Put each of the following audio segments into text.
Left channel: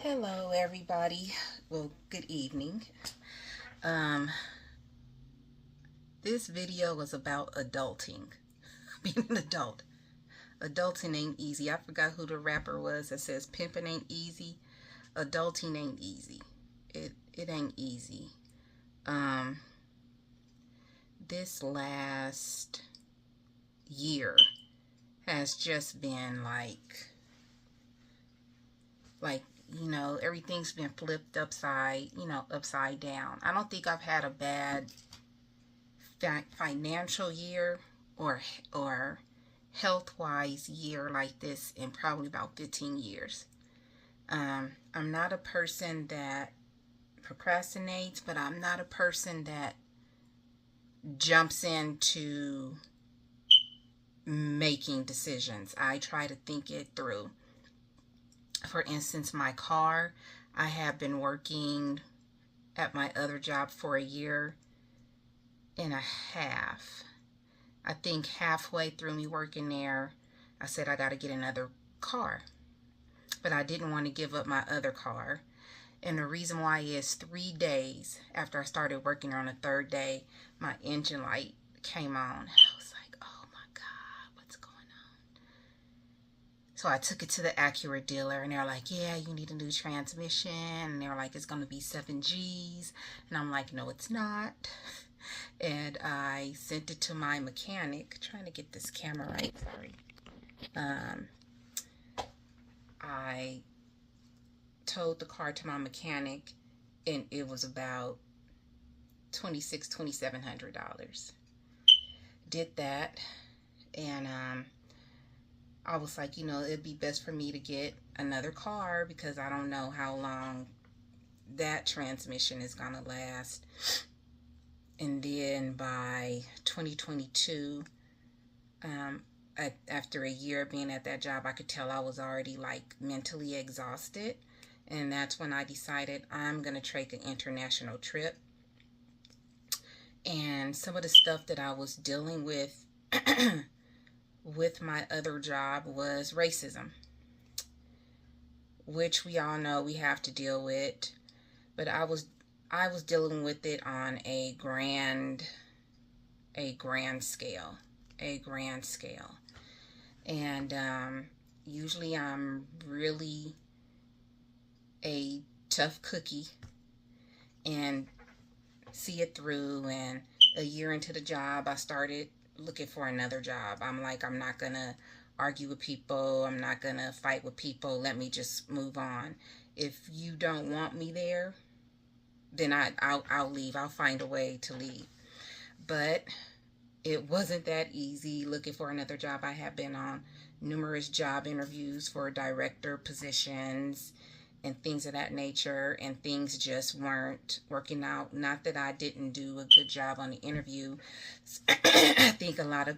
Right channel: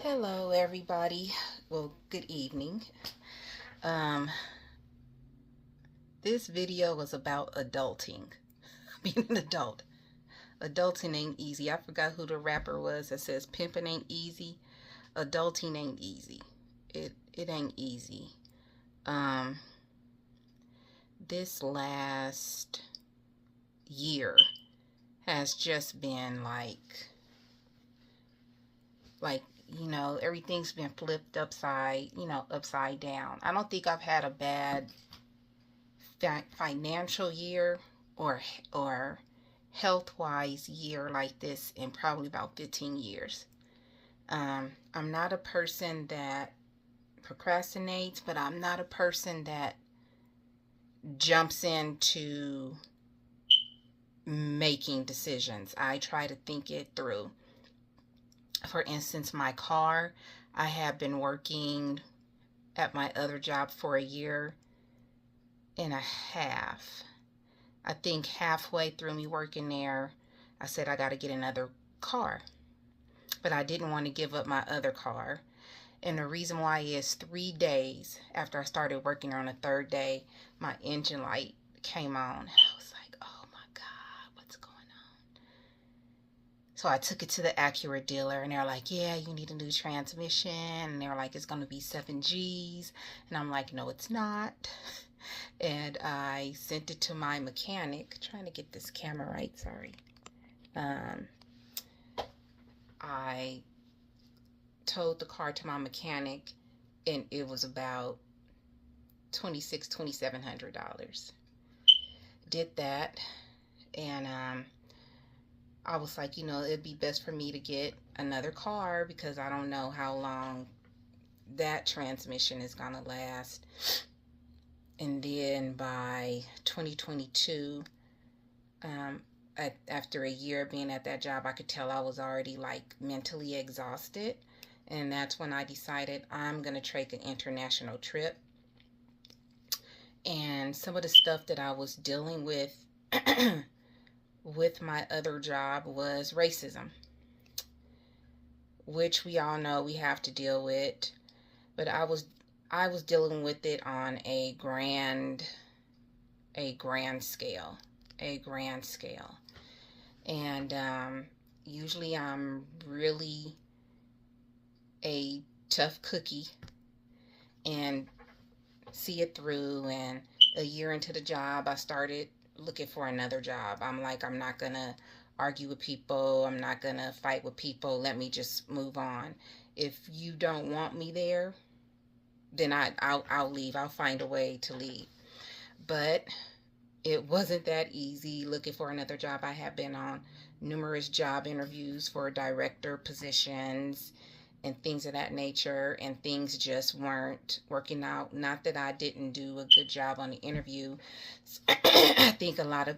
Hello, everybody. Well, good evening. Um, this video was about adulting, being an adult. Adulting ain't easy. I forgot who the rapper was that says pimping ain't easy. Adulting ain't easy. It ain't easy. Um, this last year has just been like everything's been flipped upside down. I don't think I've had a bad financial year or or health wise year like this in probably about 15 years. I'm not a person that procrastinates, but I'm not a person that jumps into making decisions. I try to think it through. For instance, my car, I have been working at my other job for a year and a half. I think halfway through me working there, I said I got to get another car. But I didn't want to give up my other car. And the reason why is 3 days after I started working on the third day, my engine light came on. And I was like, oh my God, what's going on? So I took it to the Acura dealer and they're like, yeah, you need a new transmission. And they're like, it's going to be 7Gs. And I'm like, no, it's not. And I sent it to my mechanic, trying to get this camera right, sorry. I towed the car to my mechanic and it was about $2,700. Did that, and I was like, it'd be best for me to get another car because I don't know how long that transmission is gonna last. And then by 2022, after a year being at that job, I could tell I was already like mentally exhausted. And that's when I decided I'm going to take an international trip. And some of the stuff that I was dealing with with my other job was racism, which we all know we have to deal with. But I was dealing with it on a grand scale, and usually I'm really a tough cookie and see it through. And a year into the job, I started looking for another job. I'm like, I'm not gonna argue with people, I'm not gonna fight with people, let me just move on. If you don't want me there, then I'll leave. I'll find a way to leave. But it wasn't that easy looking for another job. I have been on numerous job interviews for director positions and things of that nature, and things just weren't working out. Not that I didn't do a good job on the interview. I think a lot of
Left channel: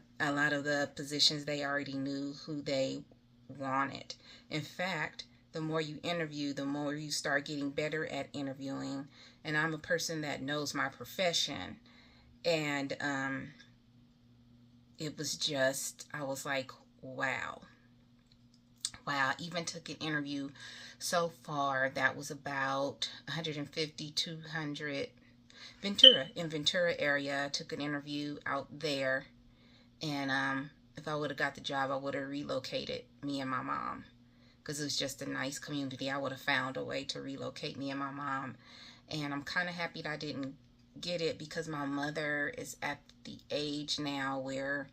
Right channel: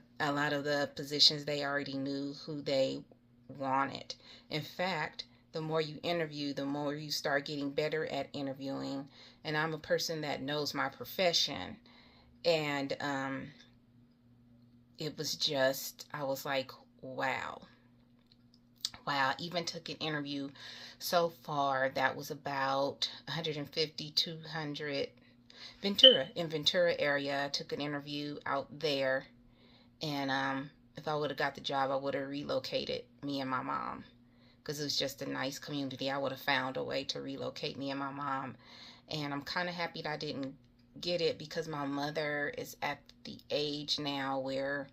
the positions, they already knew who they wanted. In fact, the more you interview, the more you start getting better at interviewing. And I'm a person that knows my profession. And it was just, I was like, wow. Wow, I even took an interview so far that was about 150, 200. Ventura area. I took an interview out there. And if I would have got the job, I would have relocated me and my mom. Because it was just a nice community. I would have found a way to relocate me and my mom. And I'm kind of happy that I didn't get it because my mother is at the age now where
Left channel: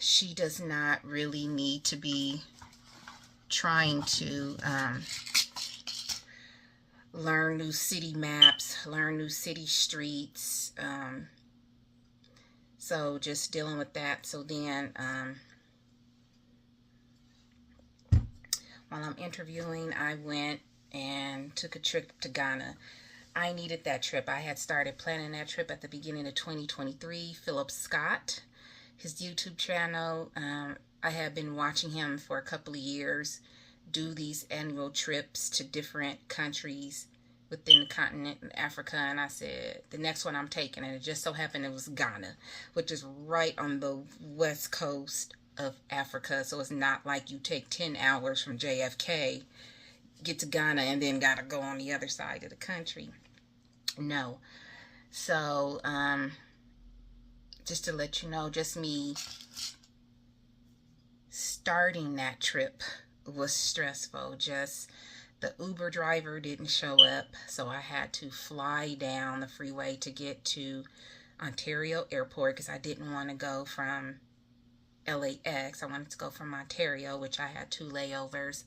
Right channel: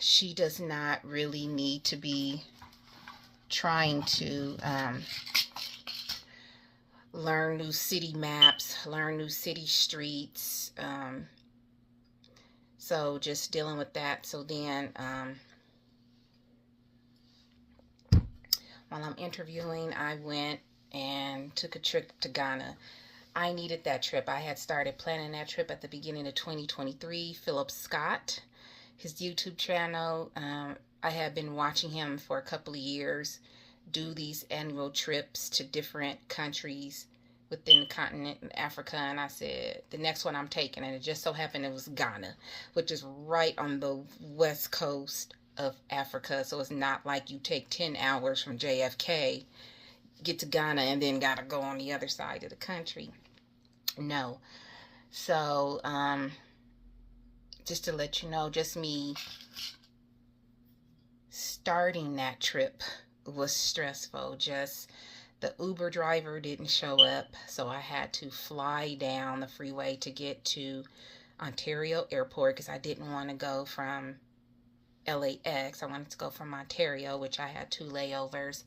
she does not really need to be trying to learn new city maps, learn new city streets. So just dealing with that. So then while I'm interviewing, I went and took a trip to Ghana. I needed that trip. I had started planning that trip at the beginning of 2023. Philip Scott, his YouTube channel, I had been watching him for a couple of years do these annual trips to different countries within the continent of Africa. And I said, the next one I'm taking, and it just so happened it was Ghana, which is right on the west coast of Africa. So it's not like you take 10 hours from JFK get to Ghana and then gotta go on the other side of the country. No. So, just to let you know, just me starting that trip was stressful. Just the Uber driver didn't show up, so I had to fly down the freeway to get to Ontario Airport because I didn't want to go from LAX. I wanted to go from Ontario, which I had 2 layovers.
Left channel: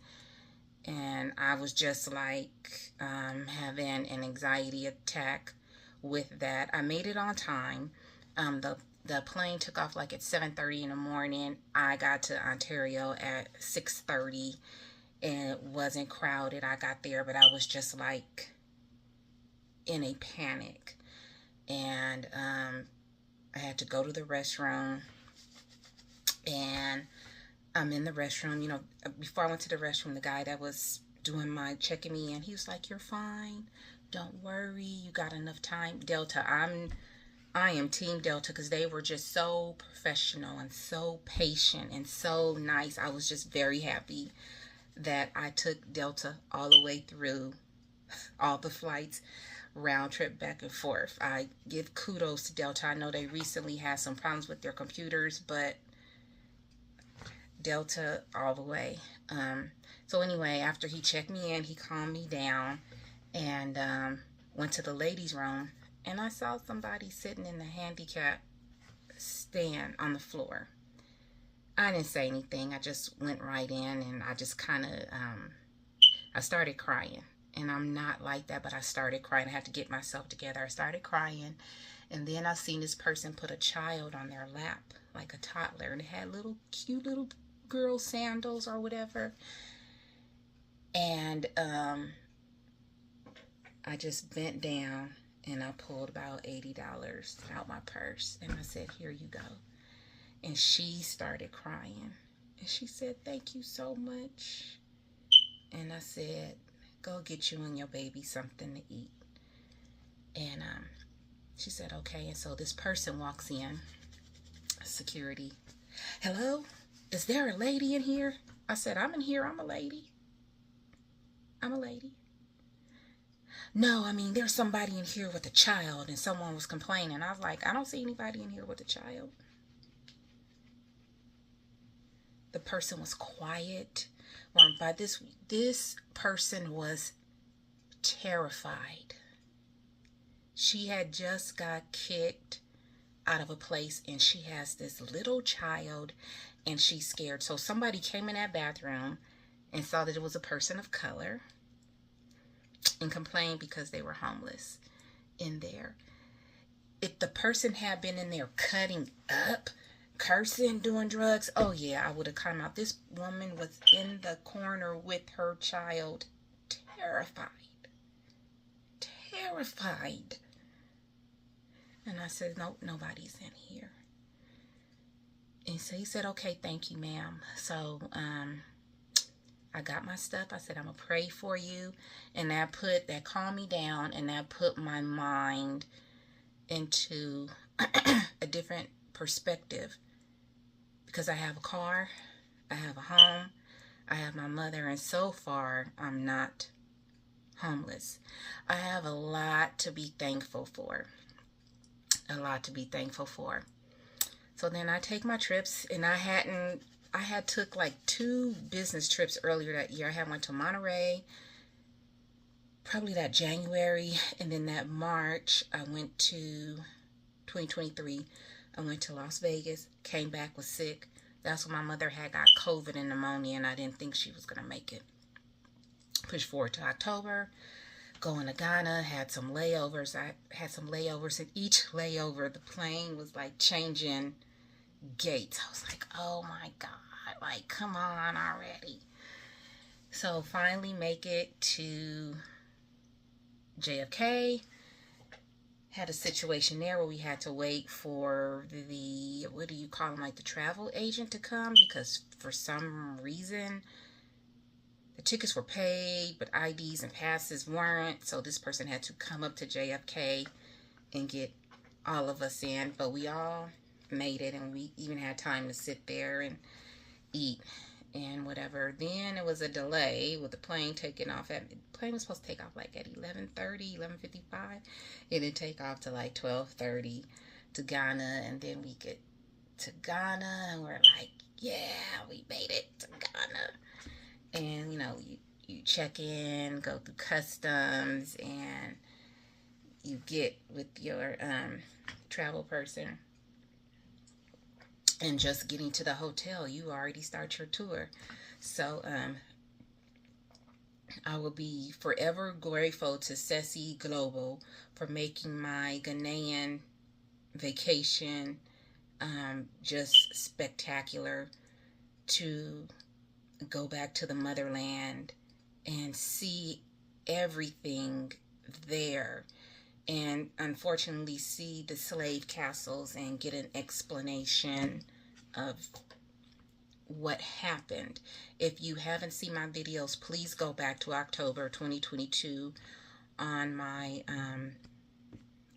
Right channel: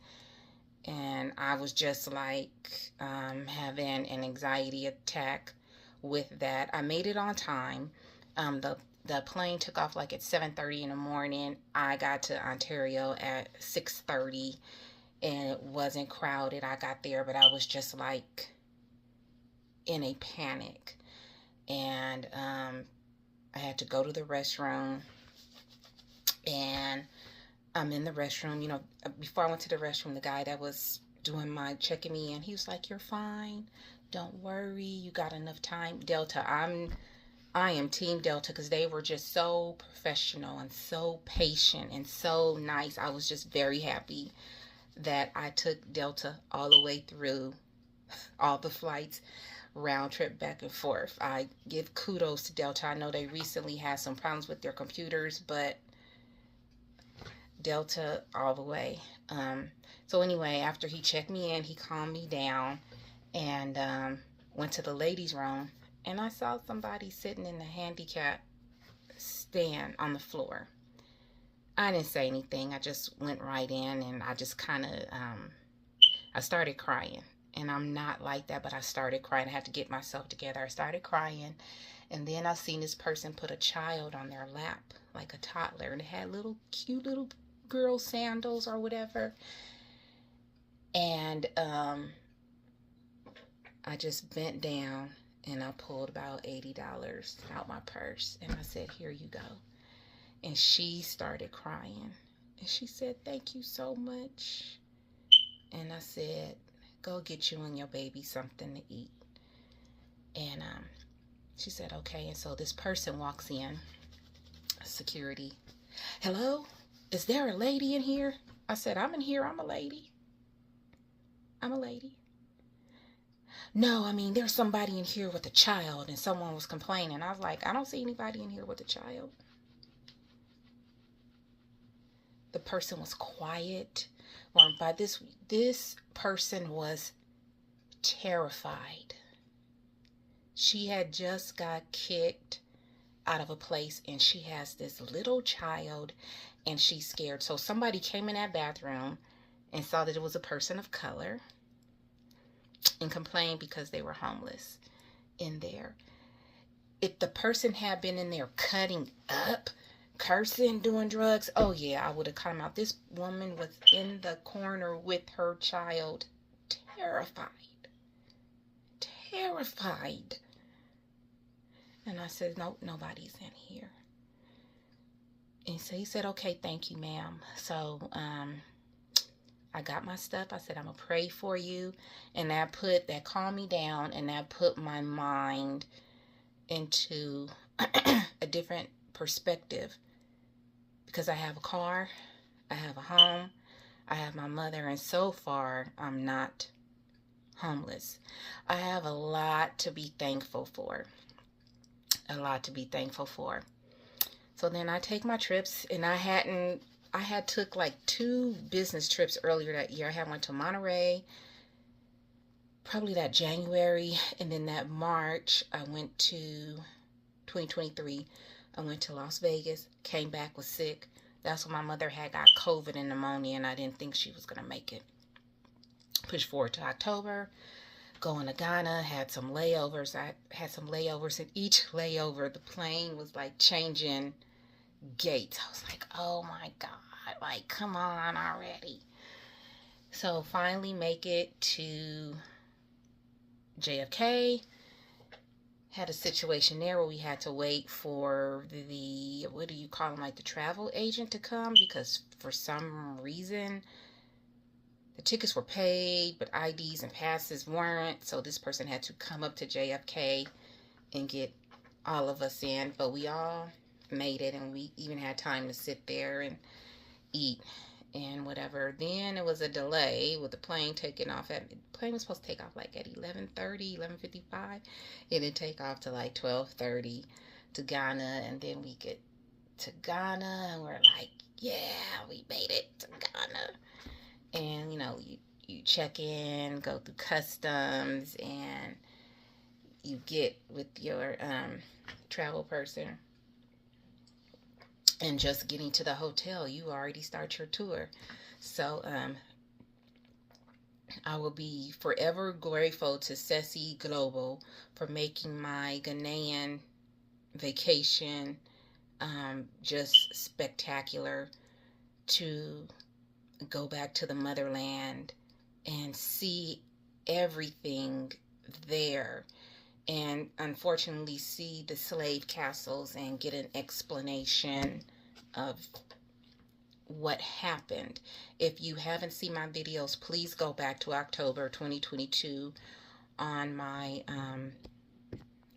And I was just like having an anxiety attack with that. I made it on time. The plane took off like at 7:30 in the morning. I got to Ontario at 6:30, and it wasn't crowded. I got there, but I was just like in a panic. And I had to go to the restroom, and I'm in the restroom. You know, before I went to the restroom, the guy that was doing my checking me in, he was like, "You're fine. Don't worry. You got enough time." Delta, I am Team Delta because they were just so professional and so patient and so nice. I was just very happy that I took Delta all the way through all the flights, round trip back and forth. I give kudos to Delta. I know they recently had some problems with their computers, but Delta all the way. So anyway, after he checked me in, he calmed me down and went to the ladies' room, and I saw somebody sitting in the handicap stand on the floor. I didn't say anything. I just went right in, and I just kind of, I started crying. And I'm not like that, but I started crying. I had to get myself together. I started crying, and then I seen this person put a child on their lap, like a toddler, and it had little cute little girl sandals or whatever. And I just bent down and I pulled about $80 out my purse, and I said, "Here you go." And she started crying, and she said, "Thank you so much." And I said, "Go get you and your baby something to eat." And she said, "Okay." And so this person walks in, security. "Hello, is there a lady in here?" I said, "I'm in here. I'm a lady. I'm a lady." "No, I mean, there's somebody in here with a child," and someone was complaining. I was like, "I don't see anybody in here with a child." The person was quiet. Or by this person was terrified. She had just got kicked out of a place, and she has this little child, and she's scared. So somebody came in that bathroom and saw that it was a person of color and complained because they were homeless in there. If the person had been in there cutting up, cursing, doing drugs, oh yeah, I would have come out. This woman was in the corner with her child, terrified. Terrified. And I said, "Nope, nobody's in here." And so he said, "Okay, thank you, ma'am." So I got my stuff. I said, "I'm gonna pray for you." And that calmed me down, and that put my mind into a different perspective, because I have a car, I have a home, I have my mother, and so far I'm not homeless. I have a lot to be thankful for. A lot to be thankful for. So then I take my trips, and I had took like 2 business trips earlier that year. I had went to Monterey, probably that January, and then that March I went to 2023. I went to Las Vegas, came back, was sick. That's when my mother had got COVID and pneumonia, and I didn't think she was going to make it. Push forward to October, going to Ghana, had some layovers. I had some layovers, and each layover, the plane was like changing gates. I was like, oh my God, like, come on already. So finally make it to JFK. Had a situation there where we had to wait for the, what do you call them, like the travel agent to come, because for some reason the tickets were paid but IDs and passes weren't. So this person had to come up to JFK and get all of us in, but we all made it, and we even had time to sit there and eat. and whatever. Then it was a delay with the plane taking off at, the plane was supposed to take off like at 11:30, 11:55. It didn't take off to like 12:30 to Ghana, and then we get to Ghana and we're like, yeah, we made it to Ghana. And you know, you check in, go through customs, and you get with your travel person, and just getting to the hotel, you already start your tour. So I will be forever grateful to Ceci Global for making my Ghanaian vacation just spectacular, to go back to the motherland and see everything there, and unfortunately see the slave castles and get an explanation of what happened. If you haven't seen my videos, please go back to October 2022 on my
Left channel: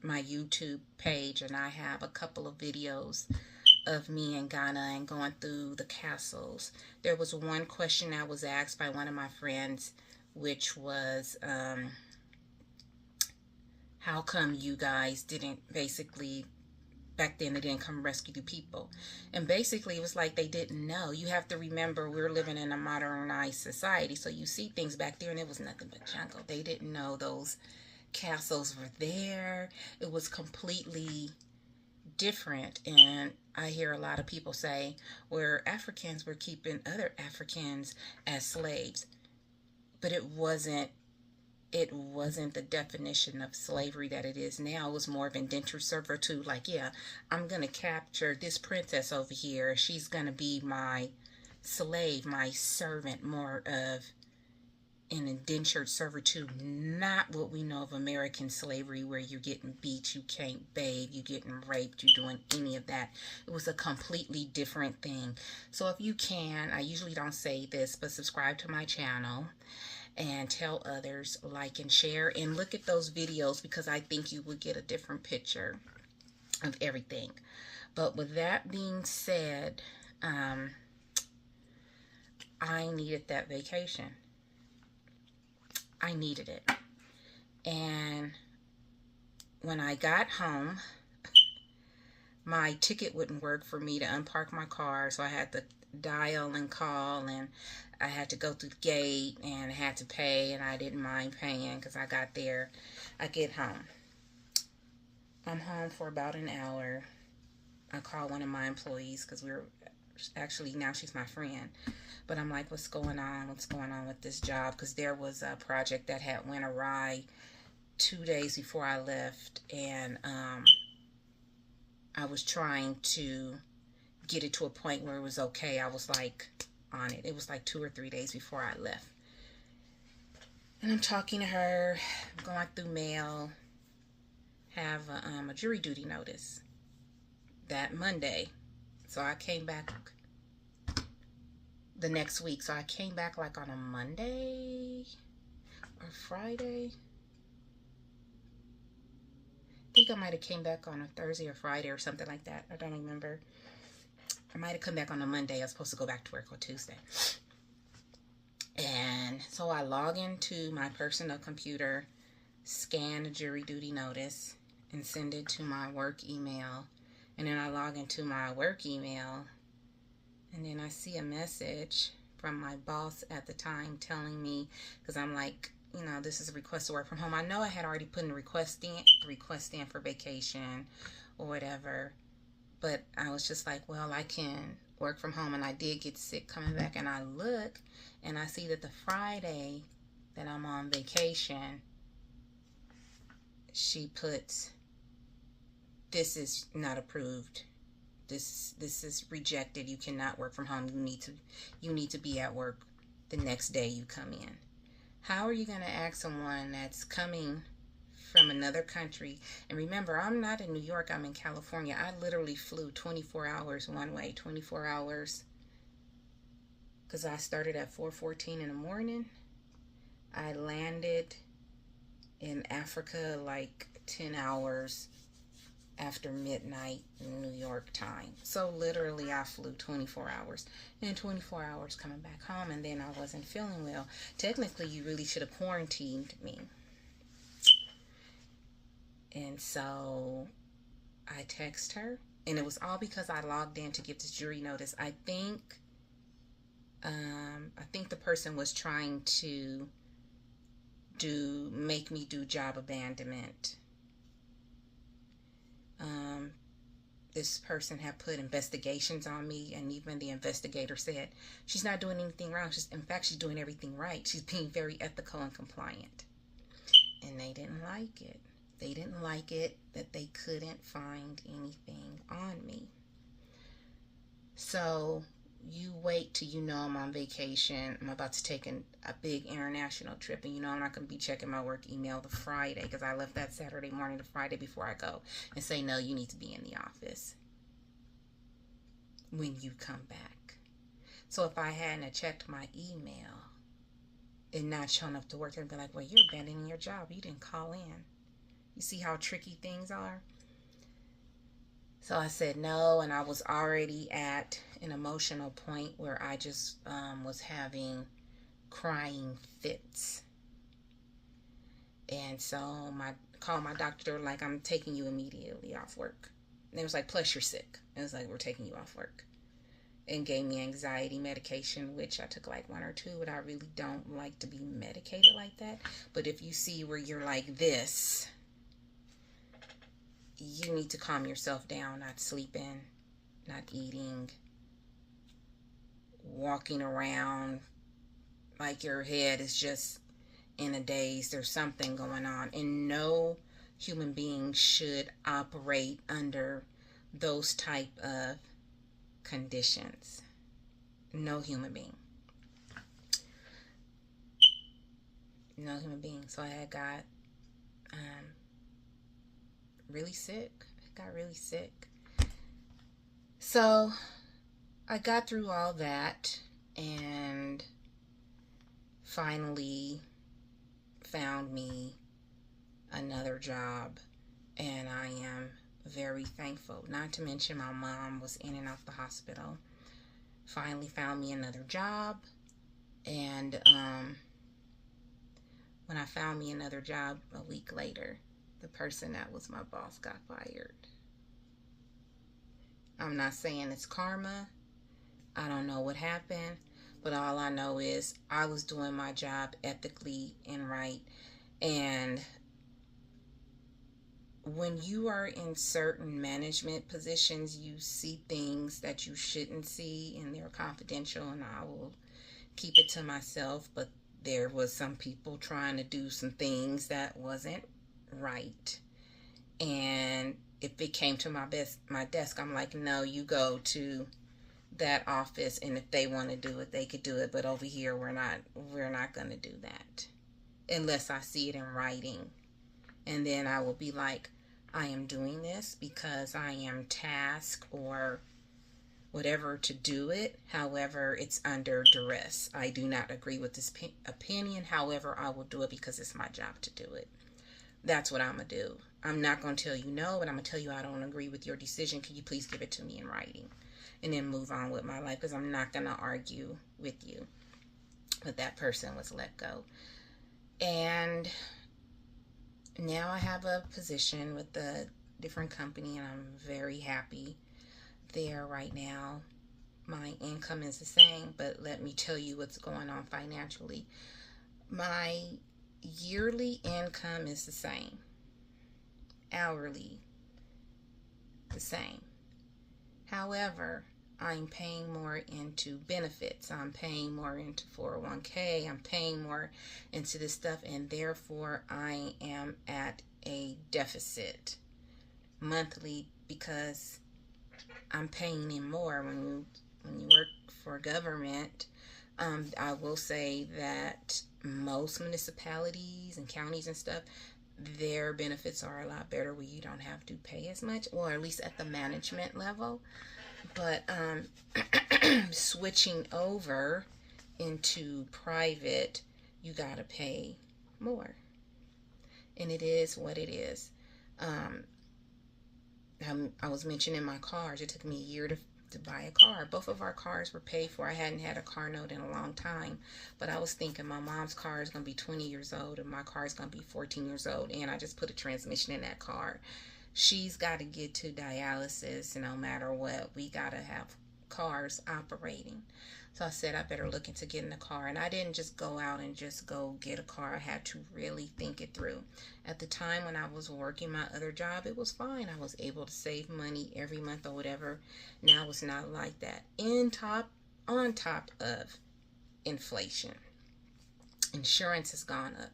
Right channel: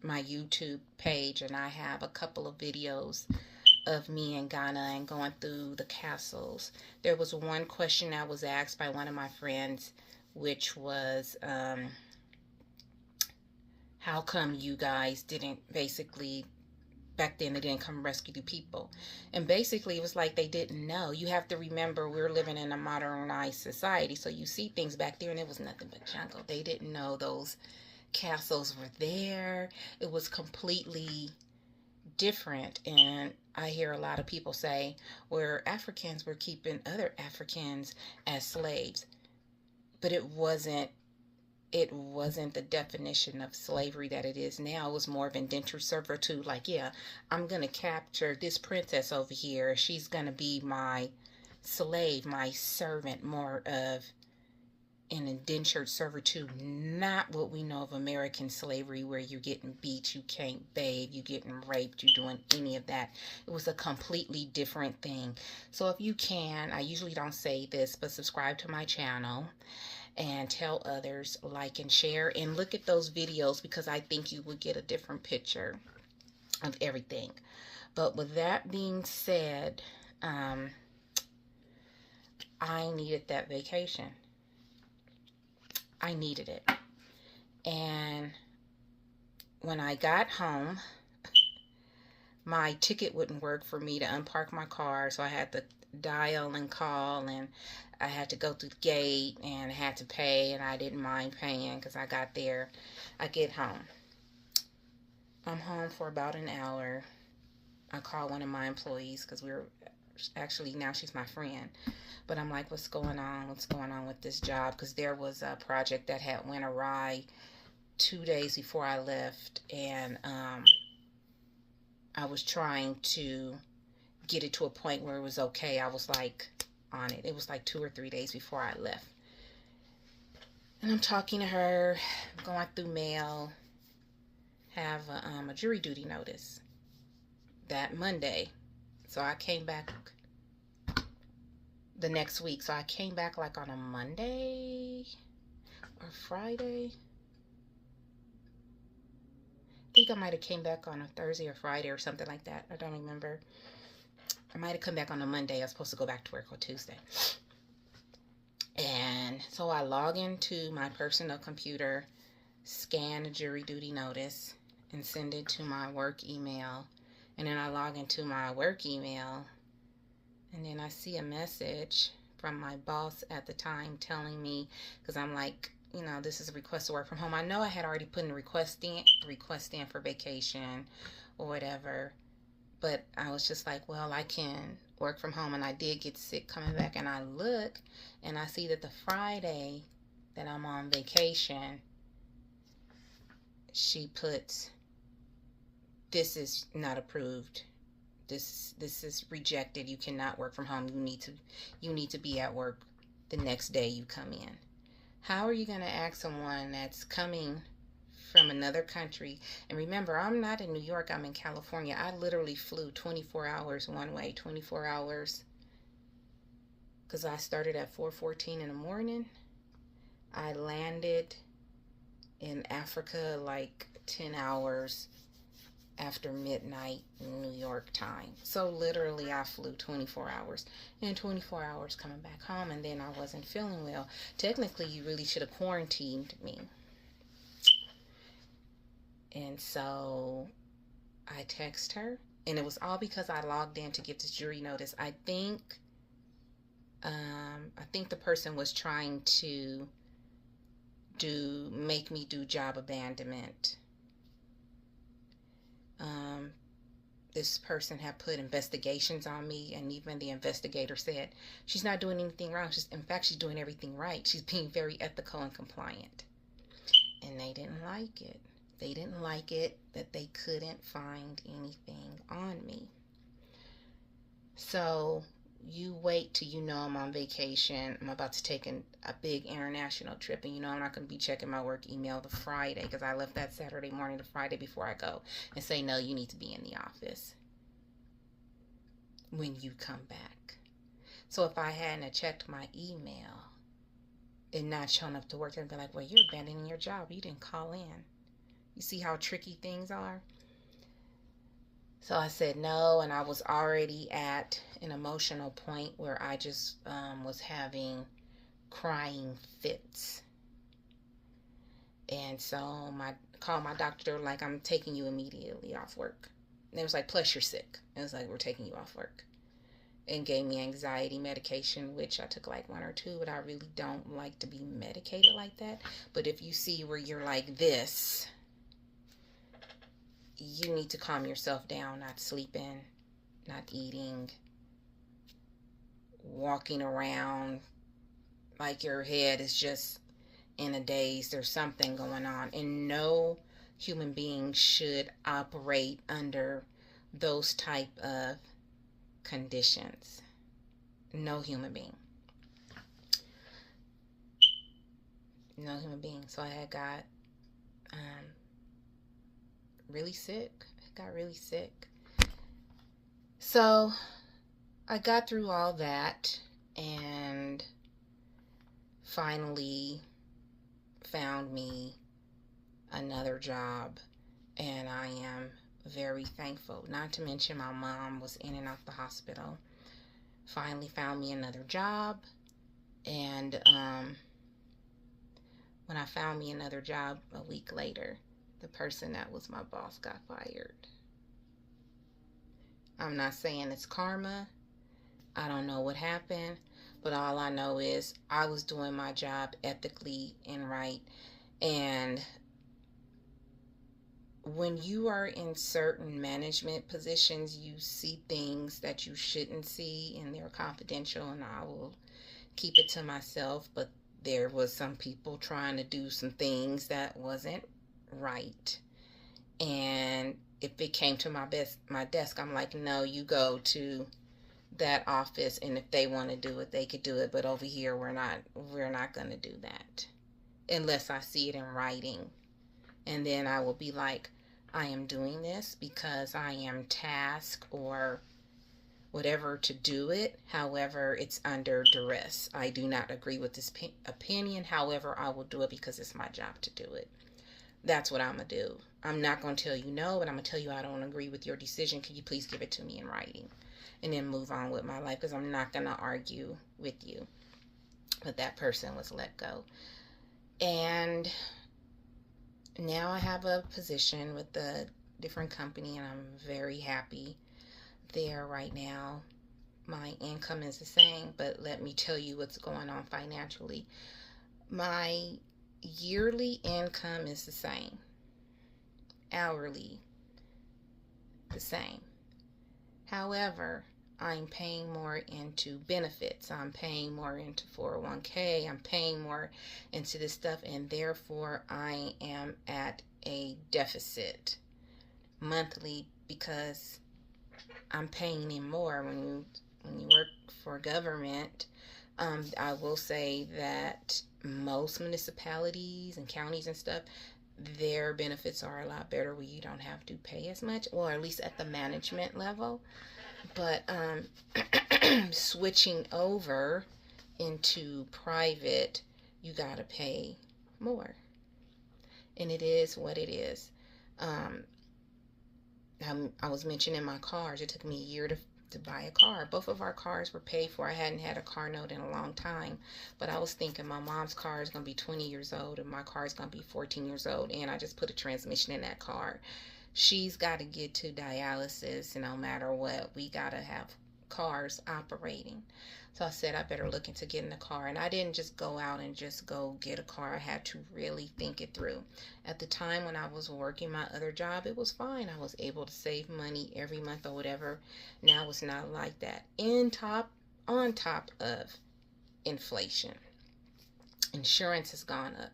my YouTube page, and I have a couple of videos of me in Ghana and going through the castles. There was one question I was asked by one of my friends, which was, how come you guys didn't basically, back then they didn't come rescue the people? And basically it was like they didn't know. You have to remember, we're living in a modernized society, so you see things back there and it was nothing but jungle. They didn't know those castles were there. It was completely different. And I hear a lot of people say, where Africans were keeping other Africans as slaves, but it wasn't the definition of slavery that it is now. It was more of indentured servitude. Like, yeah, I'm gonna capture this princess over here, she's gonna be my slave, my servant, more of an indentured servitude, not what we know of American slavery, where you're getting beat, you can't bathe, you're getting raped, you're doing any of that. It was a completely different thing. So if you can, I usually don't say this, but subscribe to my channel and tell others, like and share, and look at those videos, because I think you would get a different picture of everything. But with that being said, I needed that vacation. I needed it. And when I got home, my ticket wouldn't work for me to unpark my car, so I had to dial and call, and I had to go through the gate, and I had to pay, and I didn't mind paying because I got there. I get home. I'm home for about an hour. I call one of my employees, because we're actually, now she's my friend, but I'm like, what's going on with this job? Because there was a project that had went awry 2 days before I left, and I was trying to get it to a point where it was okay. I was like on it. It was like 2 or 3 days before I left, and I'm talking to her, going through mail, have a jury duty notice that Monday. So I came back the next week. So I came back like on a Monday or Friday. I think I might have came back on a Thursday or Friday or something like that. I don't remember. I might have come back on a Monday. I was supposed to go back to work on Tuesday. And so I log into my personal computer, scan a jury duty notice, and send it to my work email. And then I log into my work email, and then I see a message from my boss at the time telling me, because I'm like, you know, this is a request to work from home. I know I had already put in a request in for vacation or whatever, but I was just like, well, I can work from home. And I did get sick coming back, and I look and I see that the Friday that I'm on vacation, she puts, this is not approved. This is rejected. You cannot work from home. You need to be at work the next day you come in. How are you going to ask someone that's coming from another country? And remember, I'm not in New York, I'm in California. I literally flew 24 hours one way, 24 hours, because I started at 4:14 in the morning. I landed in Africa like 10 hours after midnight New York time. So literally I flew 24 hours and 24 hours coming back home, and then I wasn't feeling well. Technically, you really should have quarantined me. And so I text her, and it was all because I logged in to get this jury notice. I think the person was trying to make me do job abandonment. This person had put investigations on me, and even the investigator said she's not doing anything wrong. In fact, she's doing everything right. She's being very ethical and compliant. And they didn't like it. They didn't like it that they couldn't find anything on me. So you wait till you know I'm on vacation. I'm about to take a big international trip, and you know I'm not going to be checking my work email the Friday, because I left that Saturday morning to Friday before I go, and say, no, you need to be in the office when you come back. So if I hadn't checked my email and not shown up to work, they'd be like, well, you're abandoning your job. You didn't call in. You see how tricky things are? So I said no, and I was already at an emotional point where I just was having crying fits. And so I called my doctor, like, I'm taking you immediately off work. And it was like, plus you're sick. It was like, we're taking you off work. And gave me anxiety medication, which I took like 1 or 2, but I really don't like to be medicated like that. But if you see where you're like this, you need to calm yourself down, not sleeping, not eating, walking around like your head is just in a daze. There's something going on. And no human being should operate under those type of conditions. No human being. No human being. So I had got really sick. I got really sick. So I got through all that and finally found me another job, and I am very thankful. Not to mention my mom was in and out the hospital. Finally found me another job, and when I found me another job a week later, the person that was my boss got fired. I'm not saying it's karma. I don't know what happened, but all I know is I was doing my job ethically and right. And when you are in certain management positions, you see things that you shouldn't see, and they're confidential, and I will keep it to myself. But there was some people trying to do some things that wasn't right. And if it came to my desk, I'm like, no, you go to that office, and if they want to do it, they could do it. But over here, we're not going to do that unless I see it in writing. And then I will be like, I am doing this because I am tasked or whatever to do it. However, it's under duress. I do not agree with this opinion. However, I will do it because it's my job to do it. That's what I'm going to do. I'm not going to tell you no, but I'm going to tell you I don't agree with your decision. Can you please give it to me in writing? And then move on with my life, because I'm not going to argue with you. But that person was let go. And now I have a position with a different company, and I'm very happy there right now. My income is the same, but let me tell you what's going on financially. My yearly income is the same. Hourly, the same. However, I'm paying more into benefits. I'm paying more into 401k. I'm paying more into this stuff, and therefore I am at a deficit monthly because I'm paying in more. When you work for government, I will say that most municipalities and counties and stuff, their benefits are a lot better where you don't have to pay as much, or at least at the management level. But switching over into private, you gotta pay more, and it is what it is. I was mentioning my cars. It took me a year to buy a car. Both of our cars were paid for. I hadn't had a car note in a long time, but I was thinking my mom's car is going to be 20 years old and my car is going to be 14 years old, and I just put a transmission in that car. She's got to get to dialysis, and no matter what, we got to have cars operating. So I said I better look into getting a car. And I didn't just go out and just go get a car. I had to really think it through. At the time when I was working my other job, it was fine. I was able to save money every month or whatever. Now it's not like that. On top of inflation, insurance has gone up.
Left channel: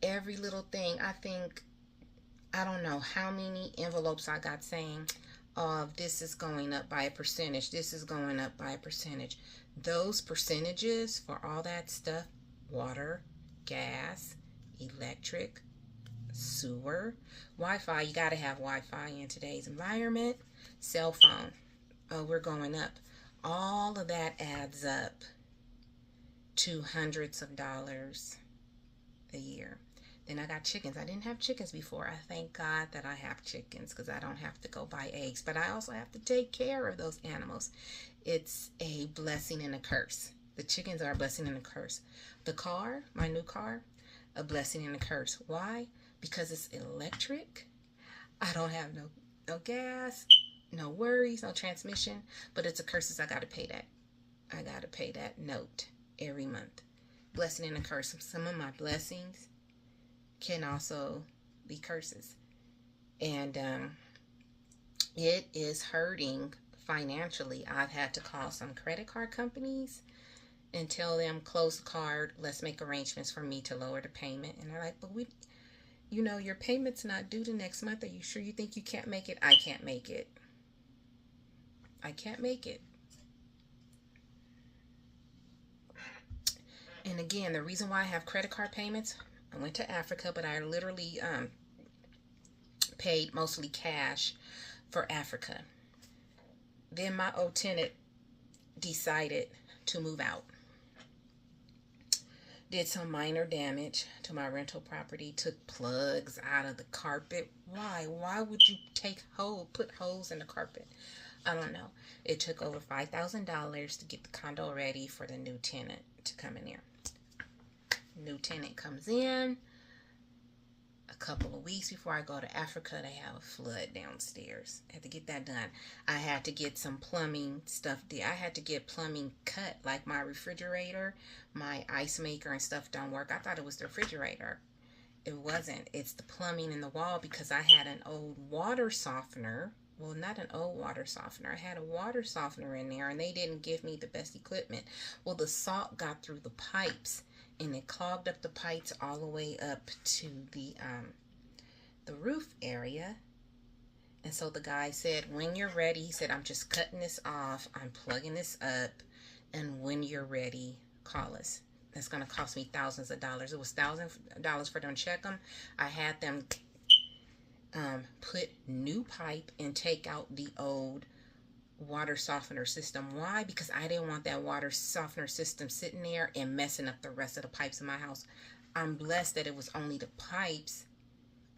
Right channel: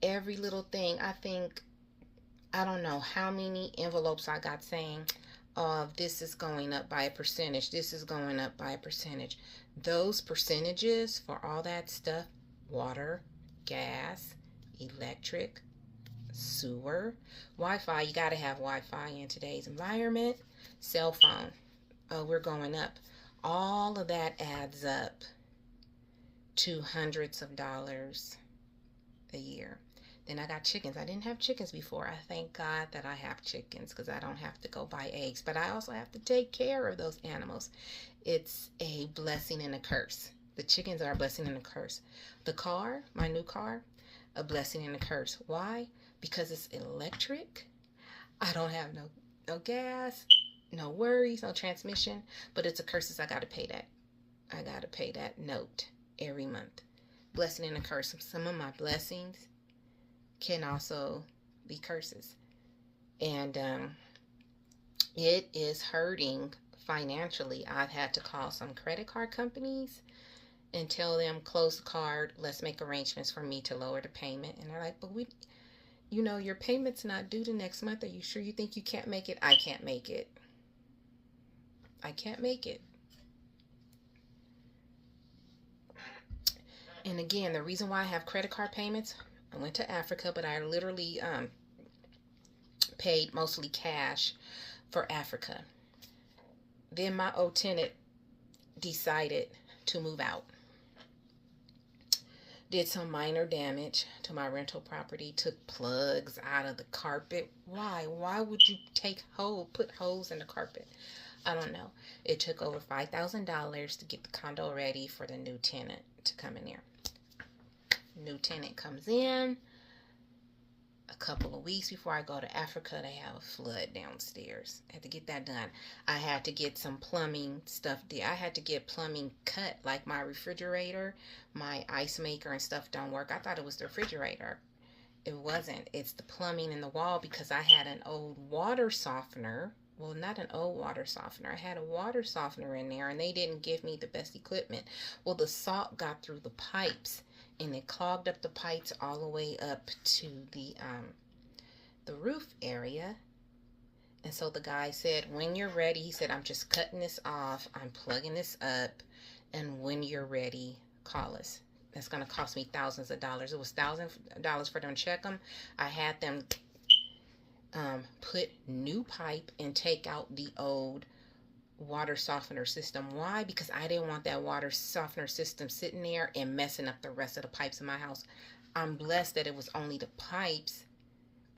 Every little thing, I don't know how many envelopes I got saying, this is going up by a percentage. This is going up by a percentage. Those percentages for all that stuff, water, gas, electric, sewer, Wi-Fi, you got to have Wi-Fi in today's environment, cell phone, we're going up. All of that adds up to hundreds of dollars a year. Then I got chickens. I didn't have chickens before. I thank God that I have chickens because I don't have to go buy eggs. But I also have to take care of those animals. It's a blessing and a curse. The chickens are a blessing and a curse. The car, my new car, a blessing and a curse. Why? Because it's electric. I don't have no gas, no worries, no transmission. But it's a curse. I got to pay that. I got to pay that note every month. Blessing and a curse. Some of my blessings can also be curses, and it is hurting financially. I've had to call some credit card companies and tell them, close the card, let's make arrangements for me to lower the payment. And they're like, but your payment's not due the next month. Are you sure you think you can't make it? I can't make it. I can't make it. And again, the reason why I have credit card payments, I went to Africa, but I literally paid mostly cash for Africa. Then my old tenant decided to move out. Did some minor damage to my rental property, took plugs out of the carpet. Why? Why would you put holes in the carpet? I don't know. It took over $5,000 to get the condo ready for the new tenant to come in there. New tenant comes in. A couple of weeks before I go to Africa, they have a flood downstairs. I had to get that done. I had to get some plumbing stuff there. I had to get plumbing cut, like my refrigerator, my ice maker and stuff don't work. I thought it was the refrigerator. It wasn't. It's the plumbing in the wall because I had an old water softener. Well, not an old water softener. I had a water softener in there and they didn't give me the best equipment. Well, the salt got through the pipes and it clogged up the pipes all the way up to the roof area. And so the guy said, when you're ready, he said, I'm just cutting this off. I'm plugging this up. And when you're ready, call us. That's going to cost me thousands of dollars. It was thousands of dollars for them to check them. I had them put new pipe and take out the old water softener system. Why? Because I didn't want that water softener system sitting there and messing up the rest of the pipes in my house. I'm blessed that it was only the pipes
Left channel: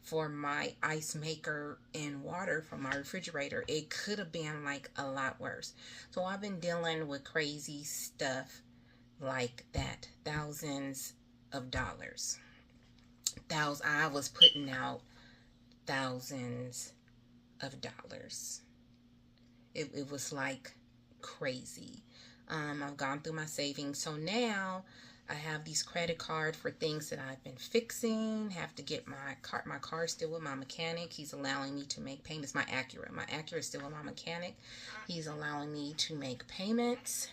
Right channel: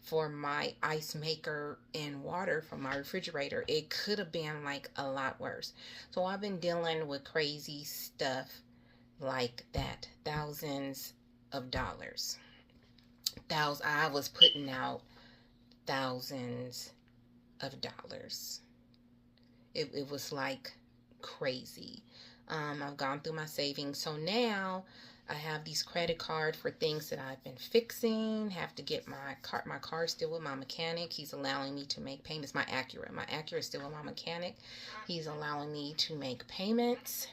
for my ice maker and water from my refrigerator. It could have been like a lot worse. So I've been dealing with crazy stuff like that. Thousands of dollars. I was putting out thousands of dollars. It was like crazy. I've gone through my savings. So now I have these credit cards for things that I've been fixing. Have to get my car still with my mechanic. He's allowing me to make payments. My Acura is still with my mechanic. He's allowing me to make payments.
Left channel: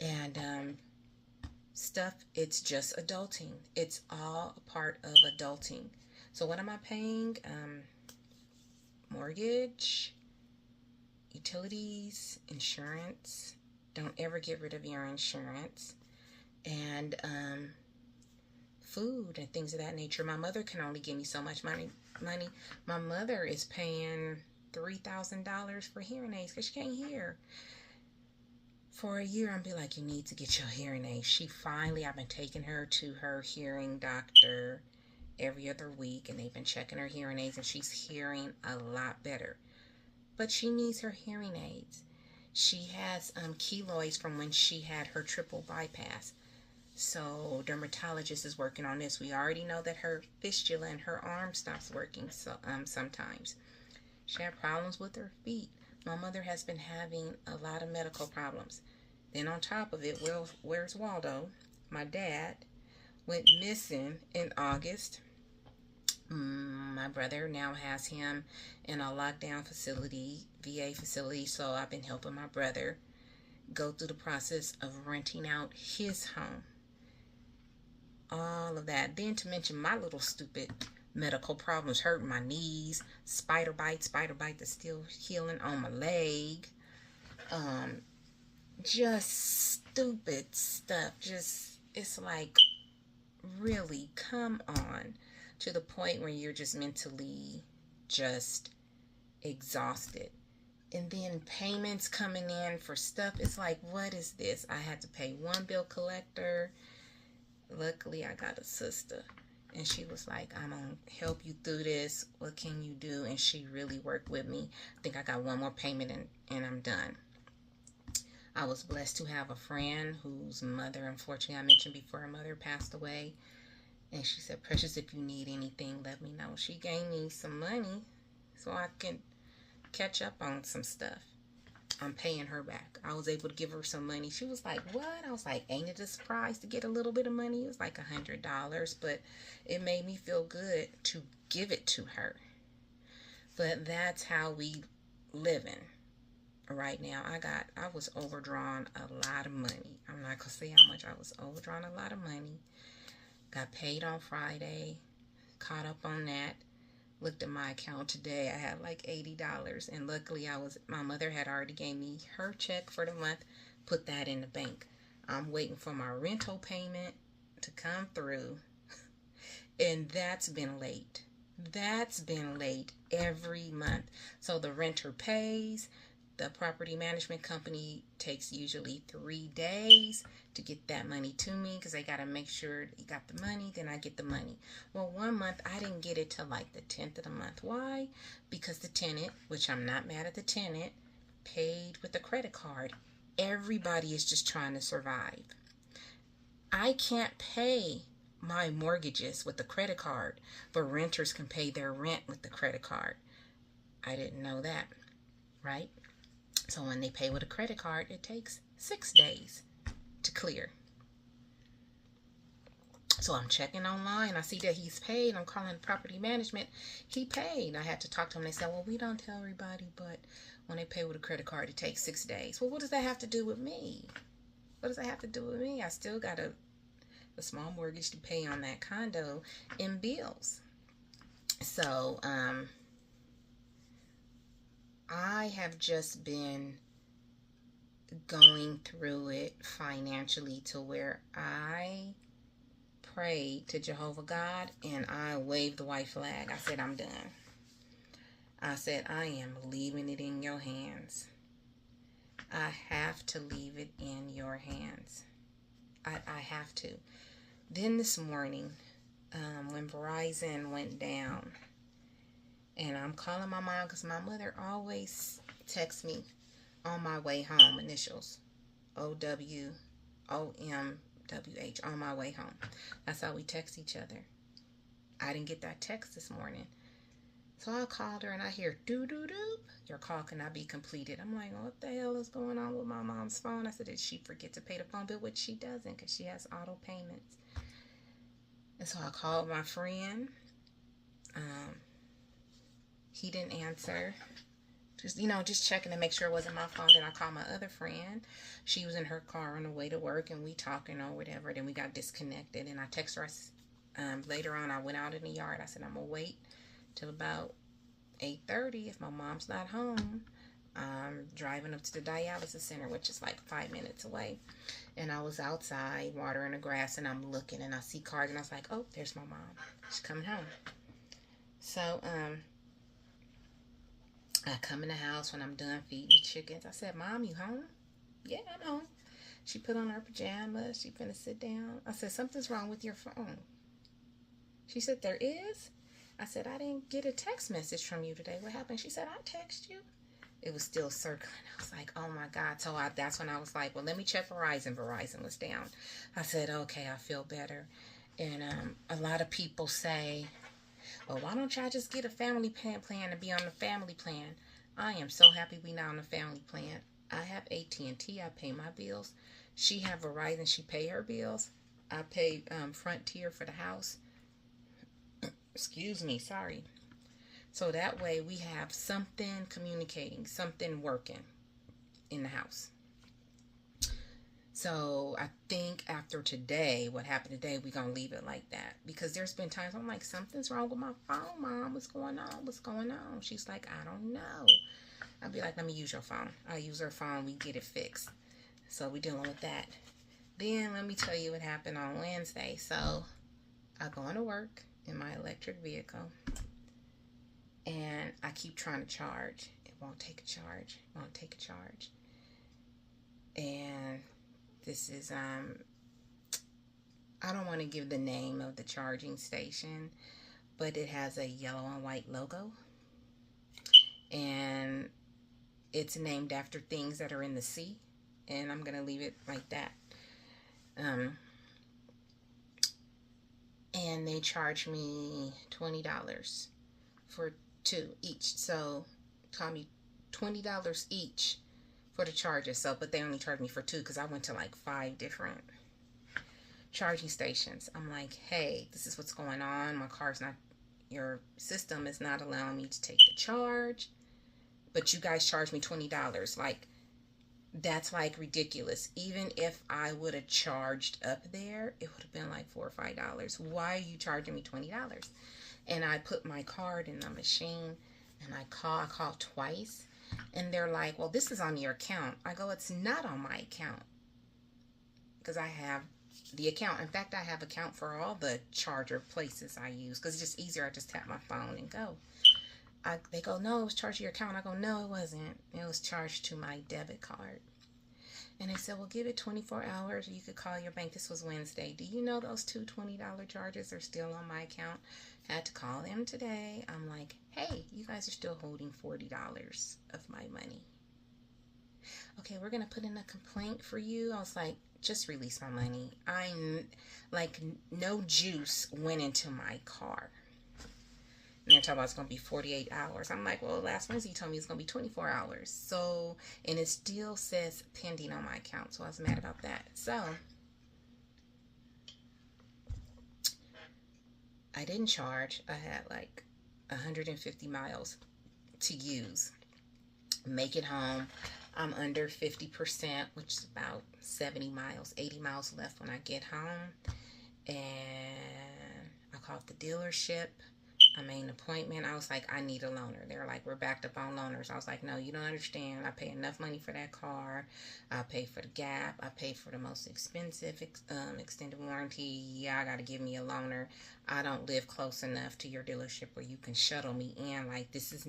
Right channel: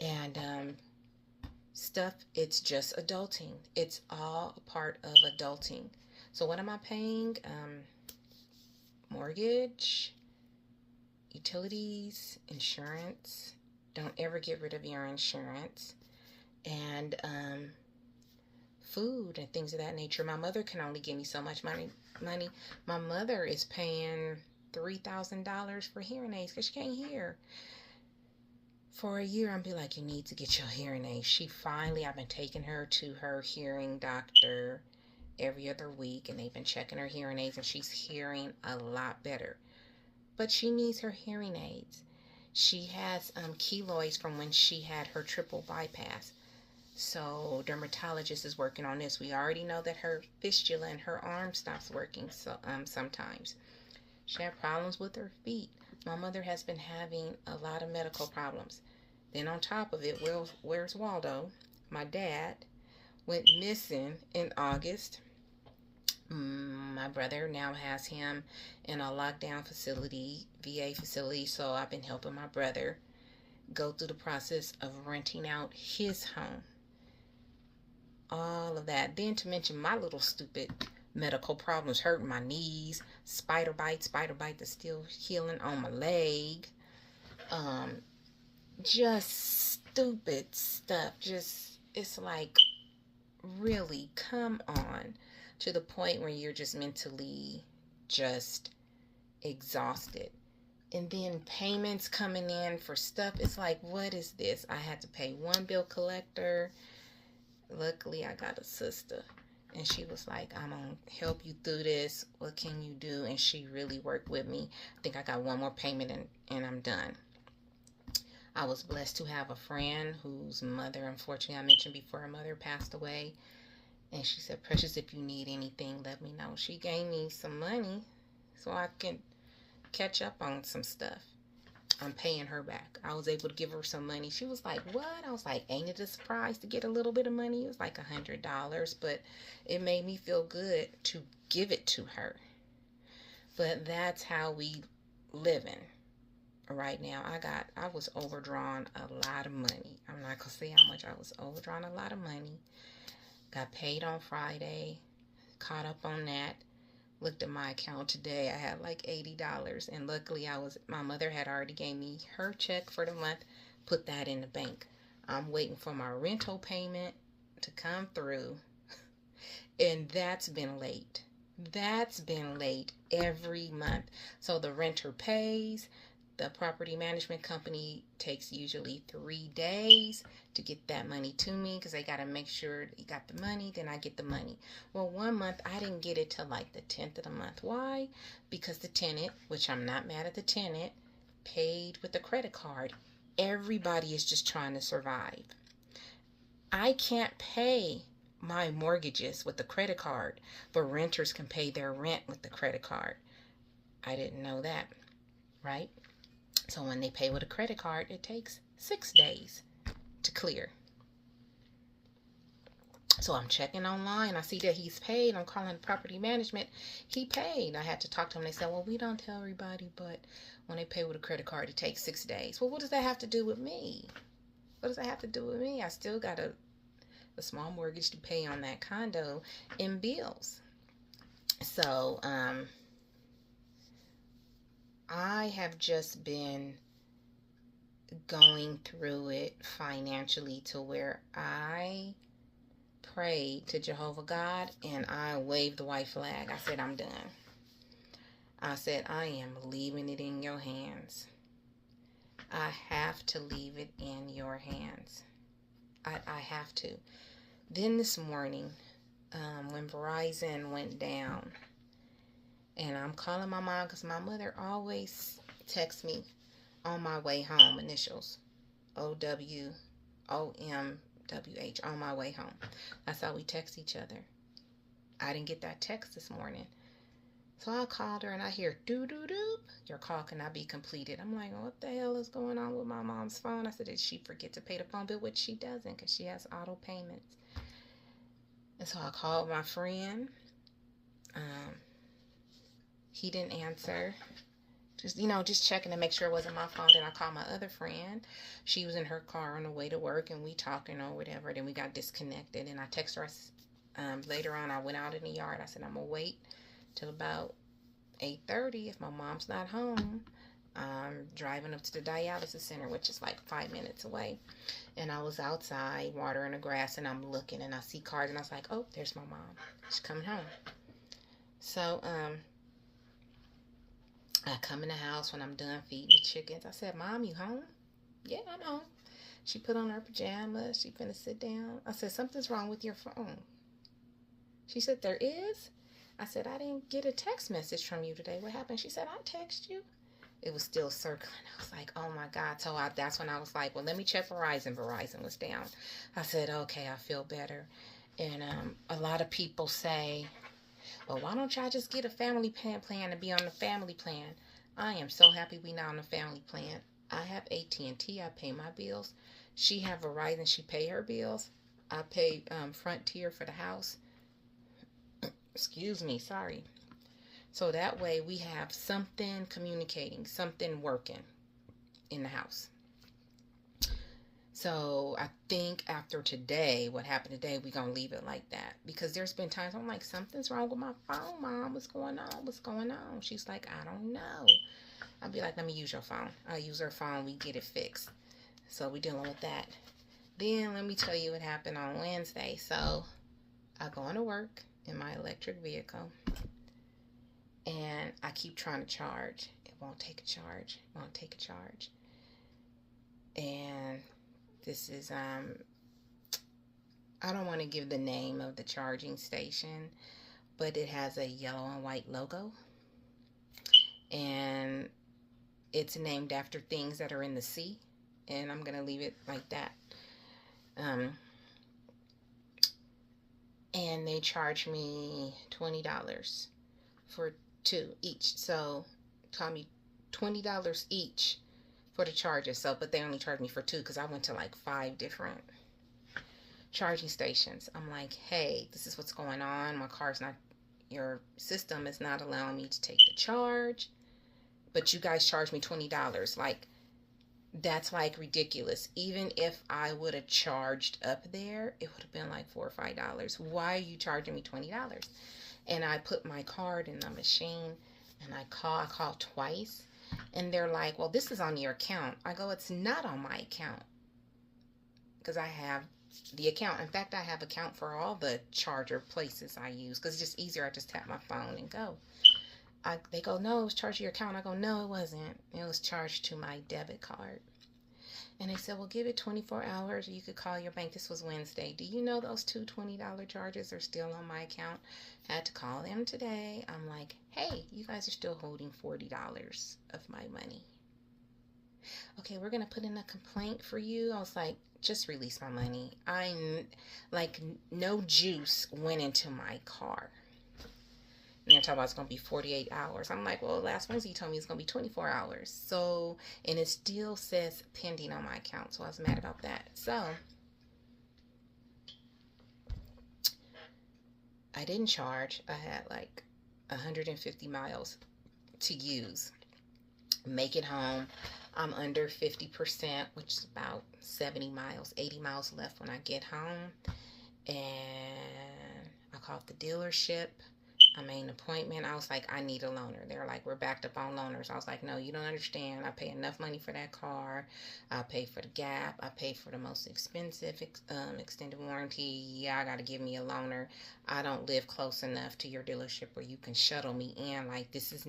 And stuff, it's just adulting. It's all a part of adulting. So what am I paying? Mortgage, utilities, insurance. Don't ever get rid of your insurance. And food and things of that nature. My mother can only give me so much money. My mother is paying $3,000 for hearing aids because she can't hear. For a year, I'll be like, you need to get your hearing aids. I've been taking her to her hearing doctor every other week, and they've been checking her hearing aids, and she's hearing a lot better. but she needs her hearing aids. She has keloids from when she had her triple bypass. So dermatologist is working on this. We already know that her fistula in her arm stops working sometimes. She had problems with her feet. My mother has been having a lot of medical problems. Then on top of it, where's Waldo? My dad went missing in August. My brother now has him in a lockdown facility, VA facility, so I've been helping my brother go through the process of renting out his home. All of that. Then to mention my little stupid medical problems, hurting my knees, spider bite that's still healing on my leg. Just stupid stuff. Just, it's like, really, come on. To the point where you're just mentally just exhausted. And then payments coming in for stuff. It's like, what is this? I had to pay one bill collector. Luckily, I got a sister. And she was like, I'm going to help you through this. What can you do? And she really worked with me. I think I got one more payment and I'm done. I was blessed to have a friend whose mother, unfortunately, I mentioned before, her mother passed away. And she said, Precious, if you need anything, let me know. She gave me some money so I can catch up on some stuff. I'm paying her back. I was able to give her some money. She was like, what? I was like, ain't it a surprise to get a little bit of money? It was like $100, but it made me feel good to give it to her. But that's how we living right now. I was overdrawn a lot of money. I'm not going to say how much I was overdrawn, a lot of money. Got paid on Friday, caught up on that. Looked at my account today. I had like $80, and luckily my mother had already gave me her check for the month, put that in the bank. I'm waiting for my rental payment to come through, and that's been late. That's been late every month. So the renter pays. The property management company takes usually 3 days to get that money to me because they got to make sure you got the money, then I get the money. Well, one month I didn't get it till like the 10th of the month. Why? Because the tenant, which I'm not mad at the tenant, paid with a credit card. Everybody is just trying to survive. I can't pay my mortgages with the credit card, but renters can pay their rent with the credit card. I didn't know that, right? So when they pay with a credit card, it takes 6 days to clear. So I'm checking online. I see that he's paid. I'm calling the property management. He paid. I had to talk to him. They said, well, we don't tell everybody, but when they pay with a credit card, it takes 6 days. Well, what does that have to do with me? What does that have to do with me? I still got a small mortgage to pay on that condo and bills. So, I have just been going through it financially to where I prayed to Jehovah God and I waved the white flag. I said, I'm done. I said, I am leaving it in your hands. I have to leave it in your hands. I have to. Then this morning, when Verizon went down, and I'm calling my mom because my mother always texts me on my way home, initials, OWOMWH, on my way home. That's how we text each other. I didn't get that text this morning. So I called her and I hear doo-doo-doo. Your call cannot be completed. I'm like, what the hell is going on with my mom's phone? I said, did she forget to pay the phone bill? Which she doesn't because she has auto payments. And so I called my friend. He didn't answer. Just checking to make sure it wasn't my phone. Then I called my other friend. She was in her car on the way to work and we talking or whatever. Then we got disconnected and I texted her. Later on, I went out in the yard. I said, I'm going to wait till about 8:30. If my mom's not home, I'm driving up to the dialysis center, which is like 5 minutes away. And I was outside watering the grass and I'm looking and I see cars and I was like, oh, there's my mom. She's coming home. So, I come in the house when I'm done feeding the chickens. I said, Mom, you home? Yeah, I'm home. She put on her pajamas. She finna sit down. I said, something's wrong with your phone. She said, there is? I said, I didn't get a text message from you today. What happened? She said, I text you. it was still circling. I was like, oh my God. So that's when I was like, well, let me check Verizon. Verizon was down. I said, okay, I feel better. And a lot of people say, well, why don't y'all just get a family plan and be on the family plan? I am so happy we not on the family plan. I have AT&T. I pay my bills. She have Verizon. She pay her bills. I pay Frontier for the house. Excuse me. Sorry. So that way we have something communicating, something working in the house. So I think after today, what happened today, we're going to leave it like that. Because there's been times I'm like, something's wrong with my phone, Mom. What's going on? What's going on? She's like, I don't know. I'll be like, let me use your phone. I use her phone. We get it fixed. So we're dealing with that. Then let me tell you what happened on Wednesday. So I go into work in my electric vehicle. And I keep trying to charge. It won't take a charge. It won't take a charge. And this is, I don't want to give the name of the charging station, but it has a yellow and white logo. And it's named after things that are in the sea. And I'm going to leave it like that. And they charge me $20 for 2 each. So tell me $20 each for the charges. So, but they only charged me for 2 because I went to like 5 different charging stations. I'm like, hey, this is what's going on. My car's not, your system is not allowing me to take the charge, but you guys charge me $20. Like, that's like ridiculous. Even if I would have charged up there, it would have been like $4 or $5. Why are you charging me $20? And I put my card in the machine and I called twice, and they're like, well, this is on your account. I go, it's not on my account because I have the account. In fact, I have account for all the charger places I use because it's just easier. I just tap my phone and go. They go, no, it was charged to your account. I go, no, it wasn't. It was charged to my debit card. And they said, well, give it 24 hours or you could call your bank. This was Wednesday. Do you know those two $20 charges are still on my account? I had to call them today. I'm like, hey, you guys are still holding $40 of my money. Okay, we're going to put in a complaint for you. I was like, just release my money. Like, no juice went into my car. And they're talking about it's going to be 48 hours. I'm like, well, last Wednesday you told me it's going to be 24 hours. So, and it still says pending on my account. So I was mad about that. So, I didn't charge. I had like 150 miles to use. Make it home. I'm under 50%, which is about 70 miles, 80 miles left when I get home. And I called the dealership. I made an appointment. I was like, I need a loaner. They were like, we're backed up on loaners. I was like, no, you don't understand. I pay enough money for that car. I pay for the gap. I pay for the most expensive extended warranty. Yeah, I got to give me a loaner. I don't live close enough to your dealership where you can shuttle me in. Like, this is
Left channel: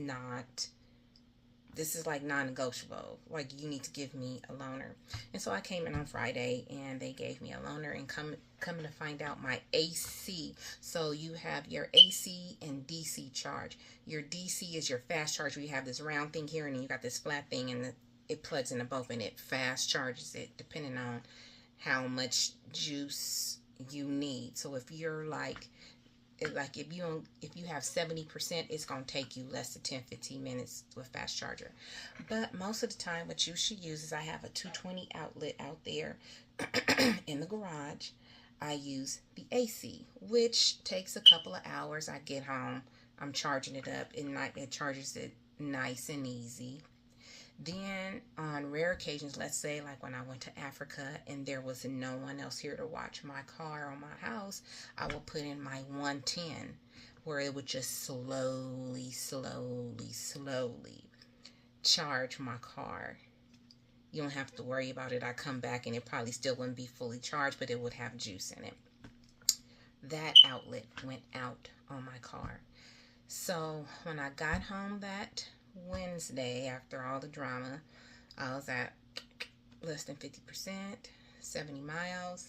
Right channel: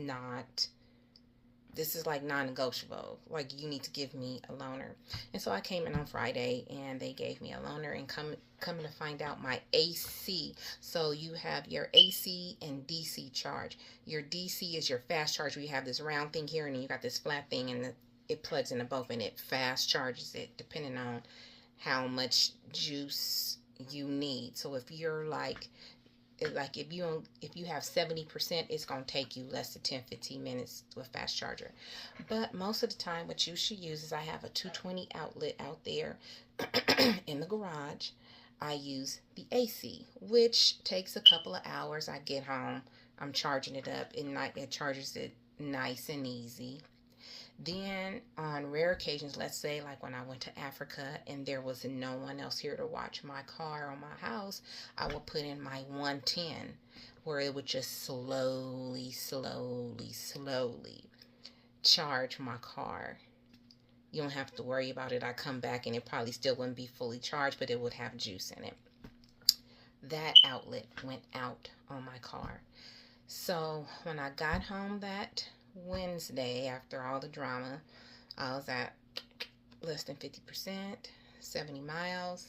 like non-negotiable. Like, you need to give me a loaner. And so I came in on Friday and they gave me a loaner, and coming to find out my AC. So you have your AC and DC charge. Your DC is your fast charge where you have this round thing here and then you got this flat thing, and it plugs into both and it fast charges it depending on how much juice you need. So if you're like if you have 70%, it's going to take you less than 10-15 minutes with fast charger. But most of the time what you should use is, I have a 220 outlet out there in the garage. I use the AC, which takes a couple of hours. I get home, I'm charging it up, and it charges it nice and easy. Then on rare occasions, let's say like when I went to Africa and there was no one else here to watch my car or my house, I would put in my 110 where it would just slowly charge my car. You don't have to worry about it. I come back and it probably still wouldn't be fully charged, but it would have juice in it. That outlet went out on my car. So when I got home that Wednesday, after all the drama, I was at less than 50%, 70 miles.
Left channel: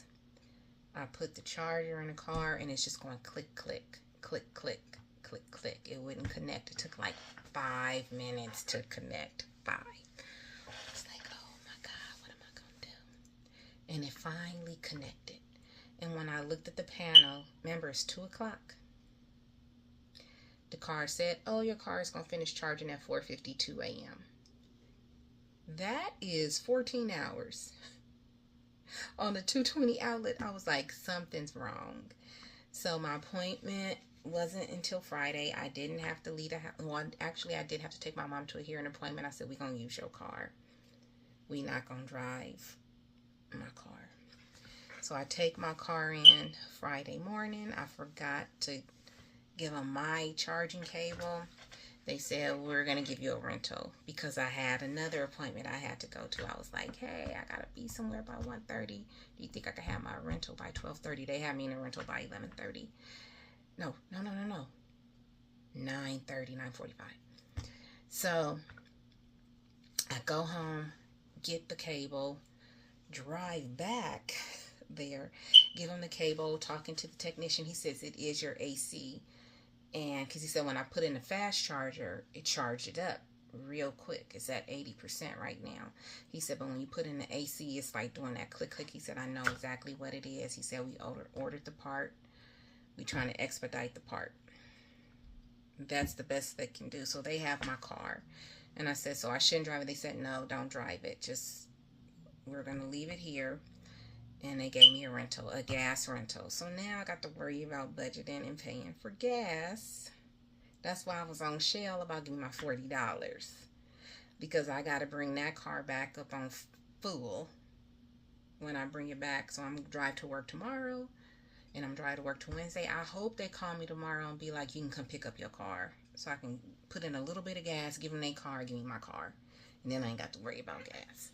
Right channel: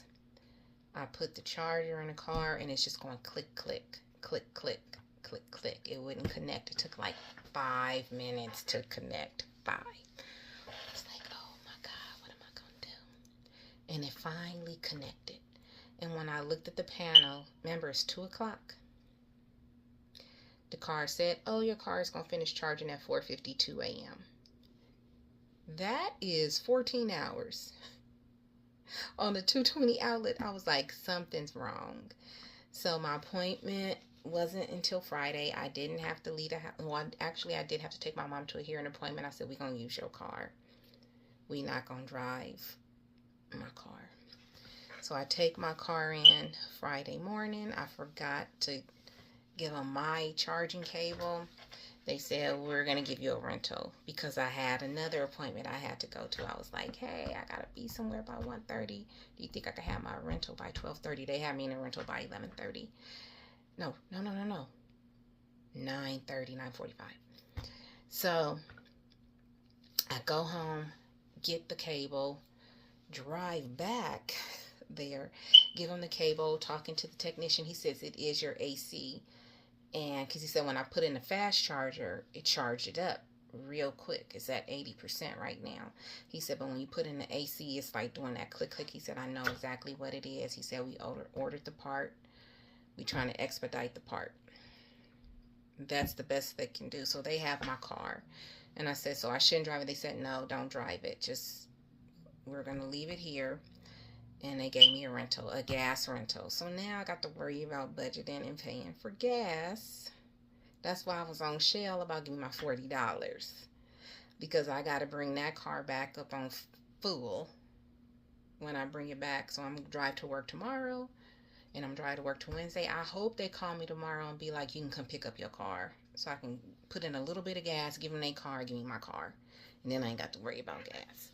I put the charger in the car and it's just going click, click, click, click, click, click. It wouldn't connect. It took like 5 minutes to connect. I was like, oh my God, what am I going to do? And it finally connected. And when I looked at the panel, remember it's 2 o'clock. The car said, oh, your car is going to finish charging at 4:52 a.m. That is 14 hours. On the 220 outlet, I was like, something's wrong. So my appointment wasn't until Friday. I didn't have to leave the house. Well, actually, I did have to take my mom to a hearing appointment. I said, we're going to use your car. We're not going to drive my car. So I take my car in Friday morning. I forgot to give them my charging cable. They said, we're going to give you a rental because I had another appointment I had to go to. I was like, hey, I got to be somewhere by 1:30. Do you think I could have my rental by 12:30? They had me in a rental by 11:30. No. 9:30, 9:45. So I go home, get the cable, drive back there, give him the cable, talking to the technician. He says it is your AC. And because he said when I put in the fast charger, it charged it up real quick. It's at 80% right now. He said, but when you put in the AC, it's like doing that click, click. He said, I know exactly what it is. He said, we ordered the part. We're trying to expedite the part. That's the best they can do. So they have my car. And I said, so I shouldn't drive it. They said, no, don't drive it. Just, we're going to leave it here. And they gave me a rental, a gas rental. So now I got to worry about budgeting and paying for gas. That's why I was on Shell about giving my $40. Because I got to bring that car back up on full when I bring it back. So I'm going to drive to work tomorrow. And I'm driving to work to Wednesday. I hope they call me tomorrow and be like, you can come pick up your car. So I can put in a little bit of gas, give them their car, give me my car. And then I ain't got to worry about gas.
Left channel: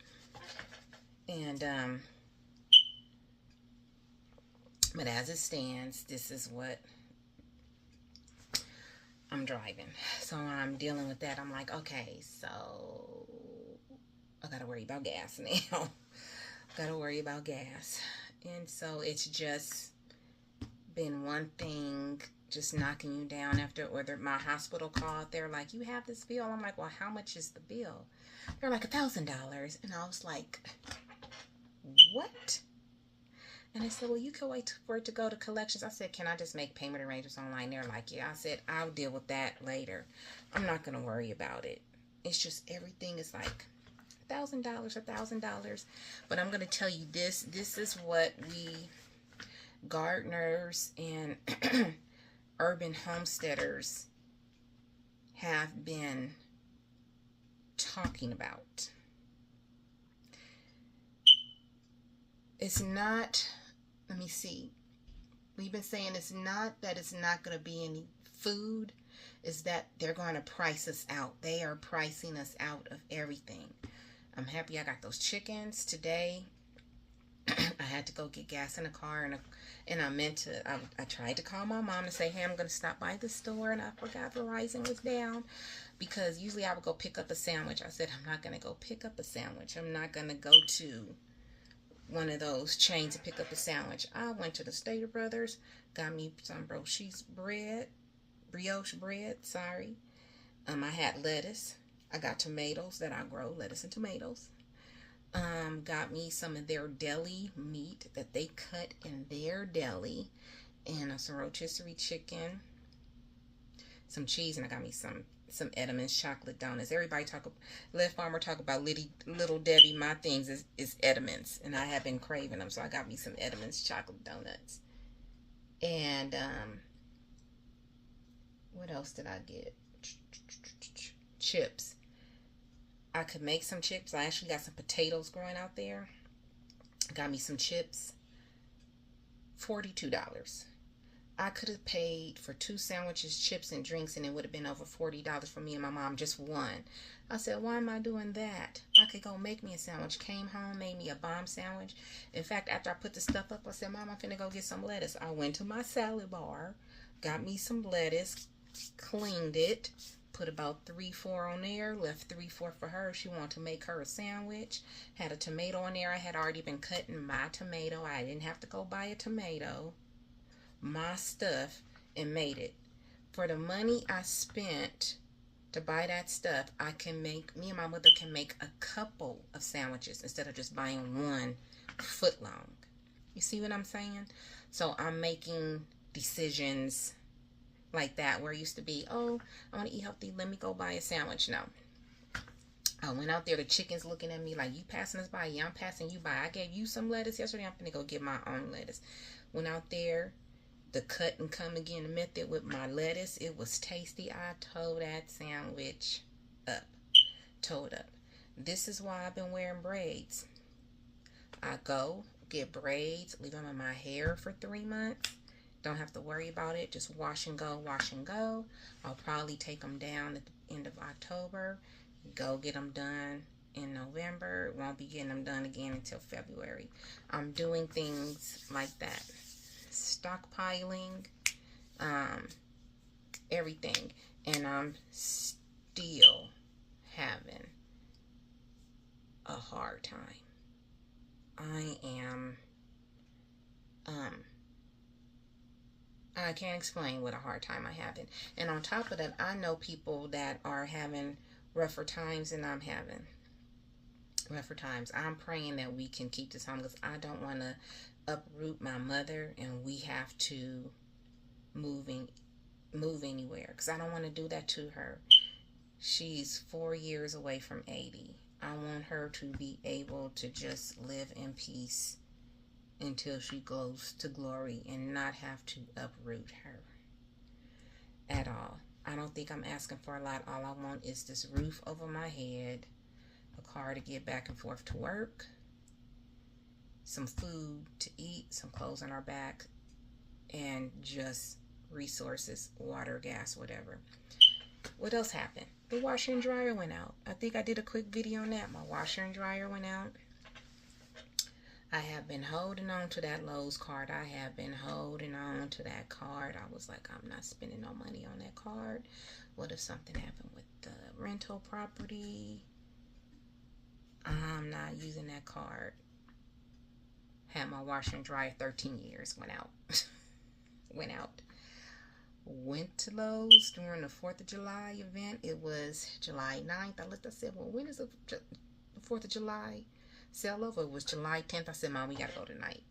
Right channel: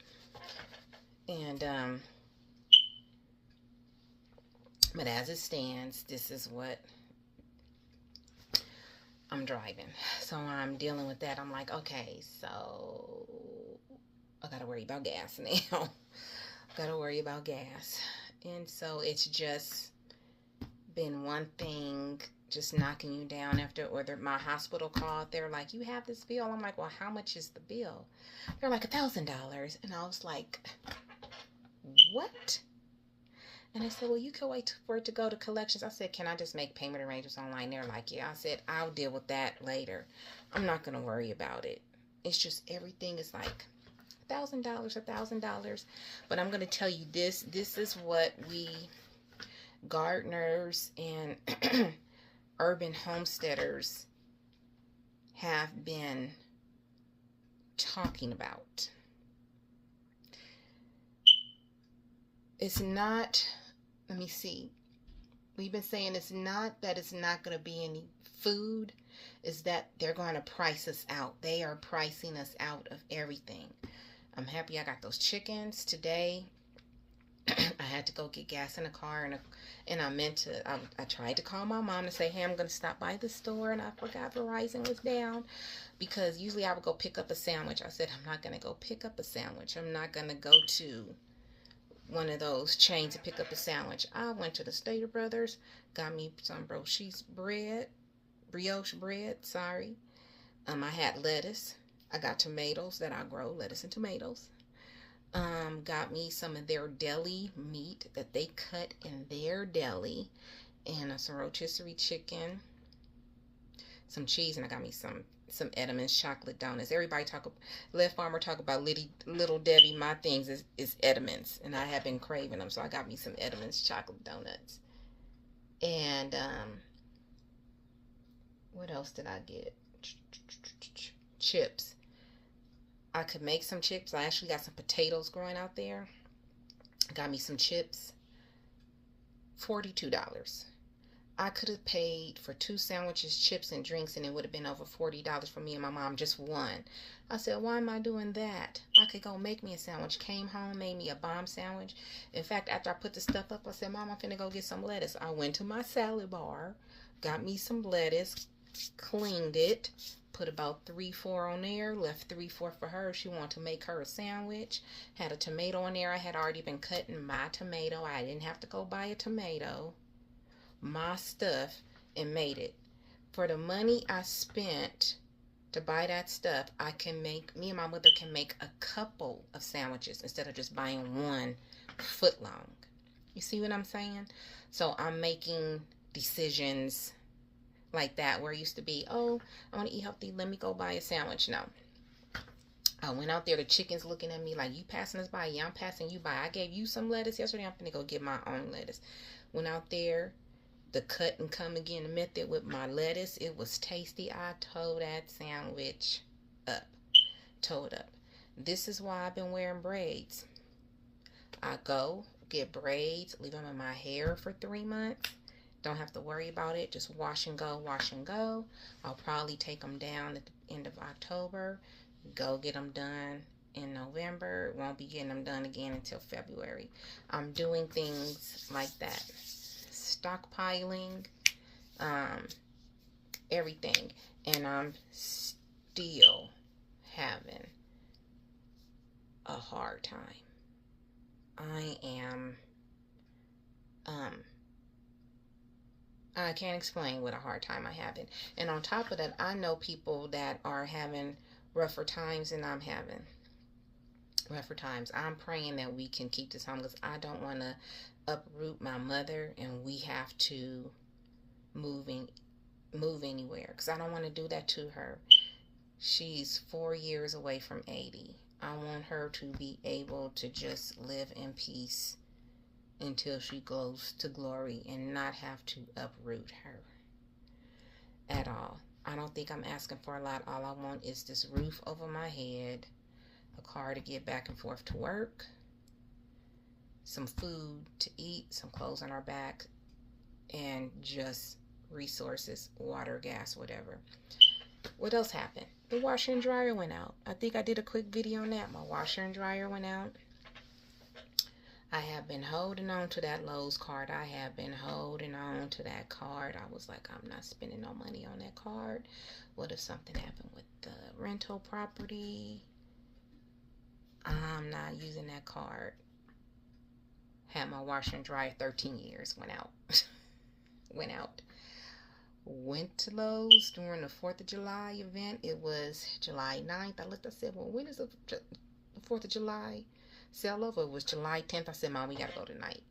And, but as it stands, this is what I'm driving. So I'm dealing with that. I'm like, okay, so I got to worry about gas now. Got to worry about gas. And so it's just been one thing just knocking you down after, or my hospital called. They're like, you have this bill. I'm like, well, how much is the bill? They're like $1,000. And I was like, what? And I said, well, you can wait for it to go to collections. I said, can I just make payment arrangements online? They're like, yeah. I said, I'll deal with that later. I'm not going to worry about it. It's just everything is like $1,000. But I'm going to tell you this. This is what we gardeners and urban homesteaders have been talking about. It's not, let me see. We've been saying it's not that it's not going to be any food. It's that they're going to price us out. They are pricing us out of everything. I'm happy I got those chickens today. I had to go get gas in the car, and I meant to, I tried to call my mom to say, hey, I'm going to stop by the store, and I forgot Verizon was down, because usually I would go pick up a sandwich. I said, I'm not going to go pick up a sandwich. I'm not going to go to one of those chains to pick up a sandwich. I went to the Stater Brothers, got me some brioche bread, sorry. I had lettuce. I got tomatoes that I grow, lettuce and tomatoes. Got me some of their deli meat that they cut in their deli, and some rotisserie chicken, some cheese, and I got me some Edam's chocolate donuts. Everybody let Farmer talk about Little Debbie. My things is Edam's, and I have been craving them, so I got me some Edam's chocolate donuts. And what else did I get? Chips. I could make some chips. I actually got some potatoes growing out there. Got me some chips. $42. I could have paid for 2 sandwiches, chips, and drinks, and it would have been over $40 for me and my mom, just one. I said, why am I doing that? I could go make me a sandwich. Came home, made me a bomb sandwich. In fact, after I put the stuff up, I said, Mom, I'm finna go get some lettuce. I went to my salad bar, got me some lettuce, cleaned it, put about 3-4 on there, left 3-4 for her. She wanted to make her a sandwich. Had a tomato on there. I had already been cutting my tomato. I didn't have to go buy a tomato. My stuff, and made it. For the money I spent to buy that stuff, me and my mother can make a couple of sandwiches instead of just buying one foot long. You see what I'm saying? So I'm making decisions like that, where it used to be, oh, I want to eat healthy, let me go buy a sandwich. No. I went out there, the chicken's looking at me like, you passing us by? Yeah, I'm passing you by. I gave you some lettuce yesterday, I'm gonna go get my own lettuce. Went out there, the cut and come again method with my lettuce. It was tasty. I tore that sandwich up. Tore it up. This is why I've been wearing braids. I go get braids, leave them in my hair for 3 months. Don't have to worry about it. Just wash and go, wash and go. I'll probably take them down at the end of October. Go get them done in November. Won't be getting them done again until February. I'm doing things like that. Stockpiling, everything. And I'm still having a hard time. I can't explain what a hard time I'm having. And on top of that, I know people that are having rougher times than I'm having. Rougher times. I'm praying that we can keep this home, because I don't want to uproot my mother and we have to move anywhere, because I don't want to do that to her. She's 4 years away from 80. I want her to be able to just live in peace until she goes to glory and not have to uproot her at all. I don't think I'm asking for a lot. All I want is this roof over my head, a car to get back and forth to work, some food to eat, some clothes on our back, and just resources, water, gas, whatever. What else happened? The washer and dryer went out. I think I did a quick video on that. My washer and dryer went out. I have been holding on to that Lowe's card. I have been holding on to that card. I was like, I'm not spending no money on that card. What if something happened with the rental property? I'm not using that card. Had my washer and dryer 13 years. Went out. Went out. Went to Lowe's during the 4th of July event. It was July 9th. I said, well, when is the 4th of July sale over? It was July 10th. I said, Mom, we got to go tonight.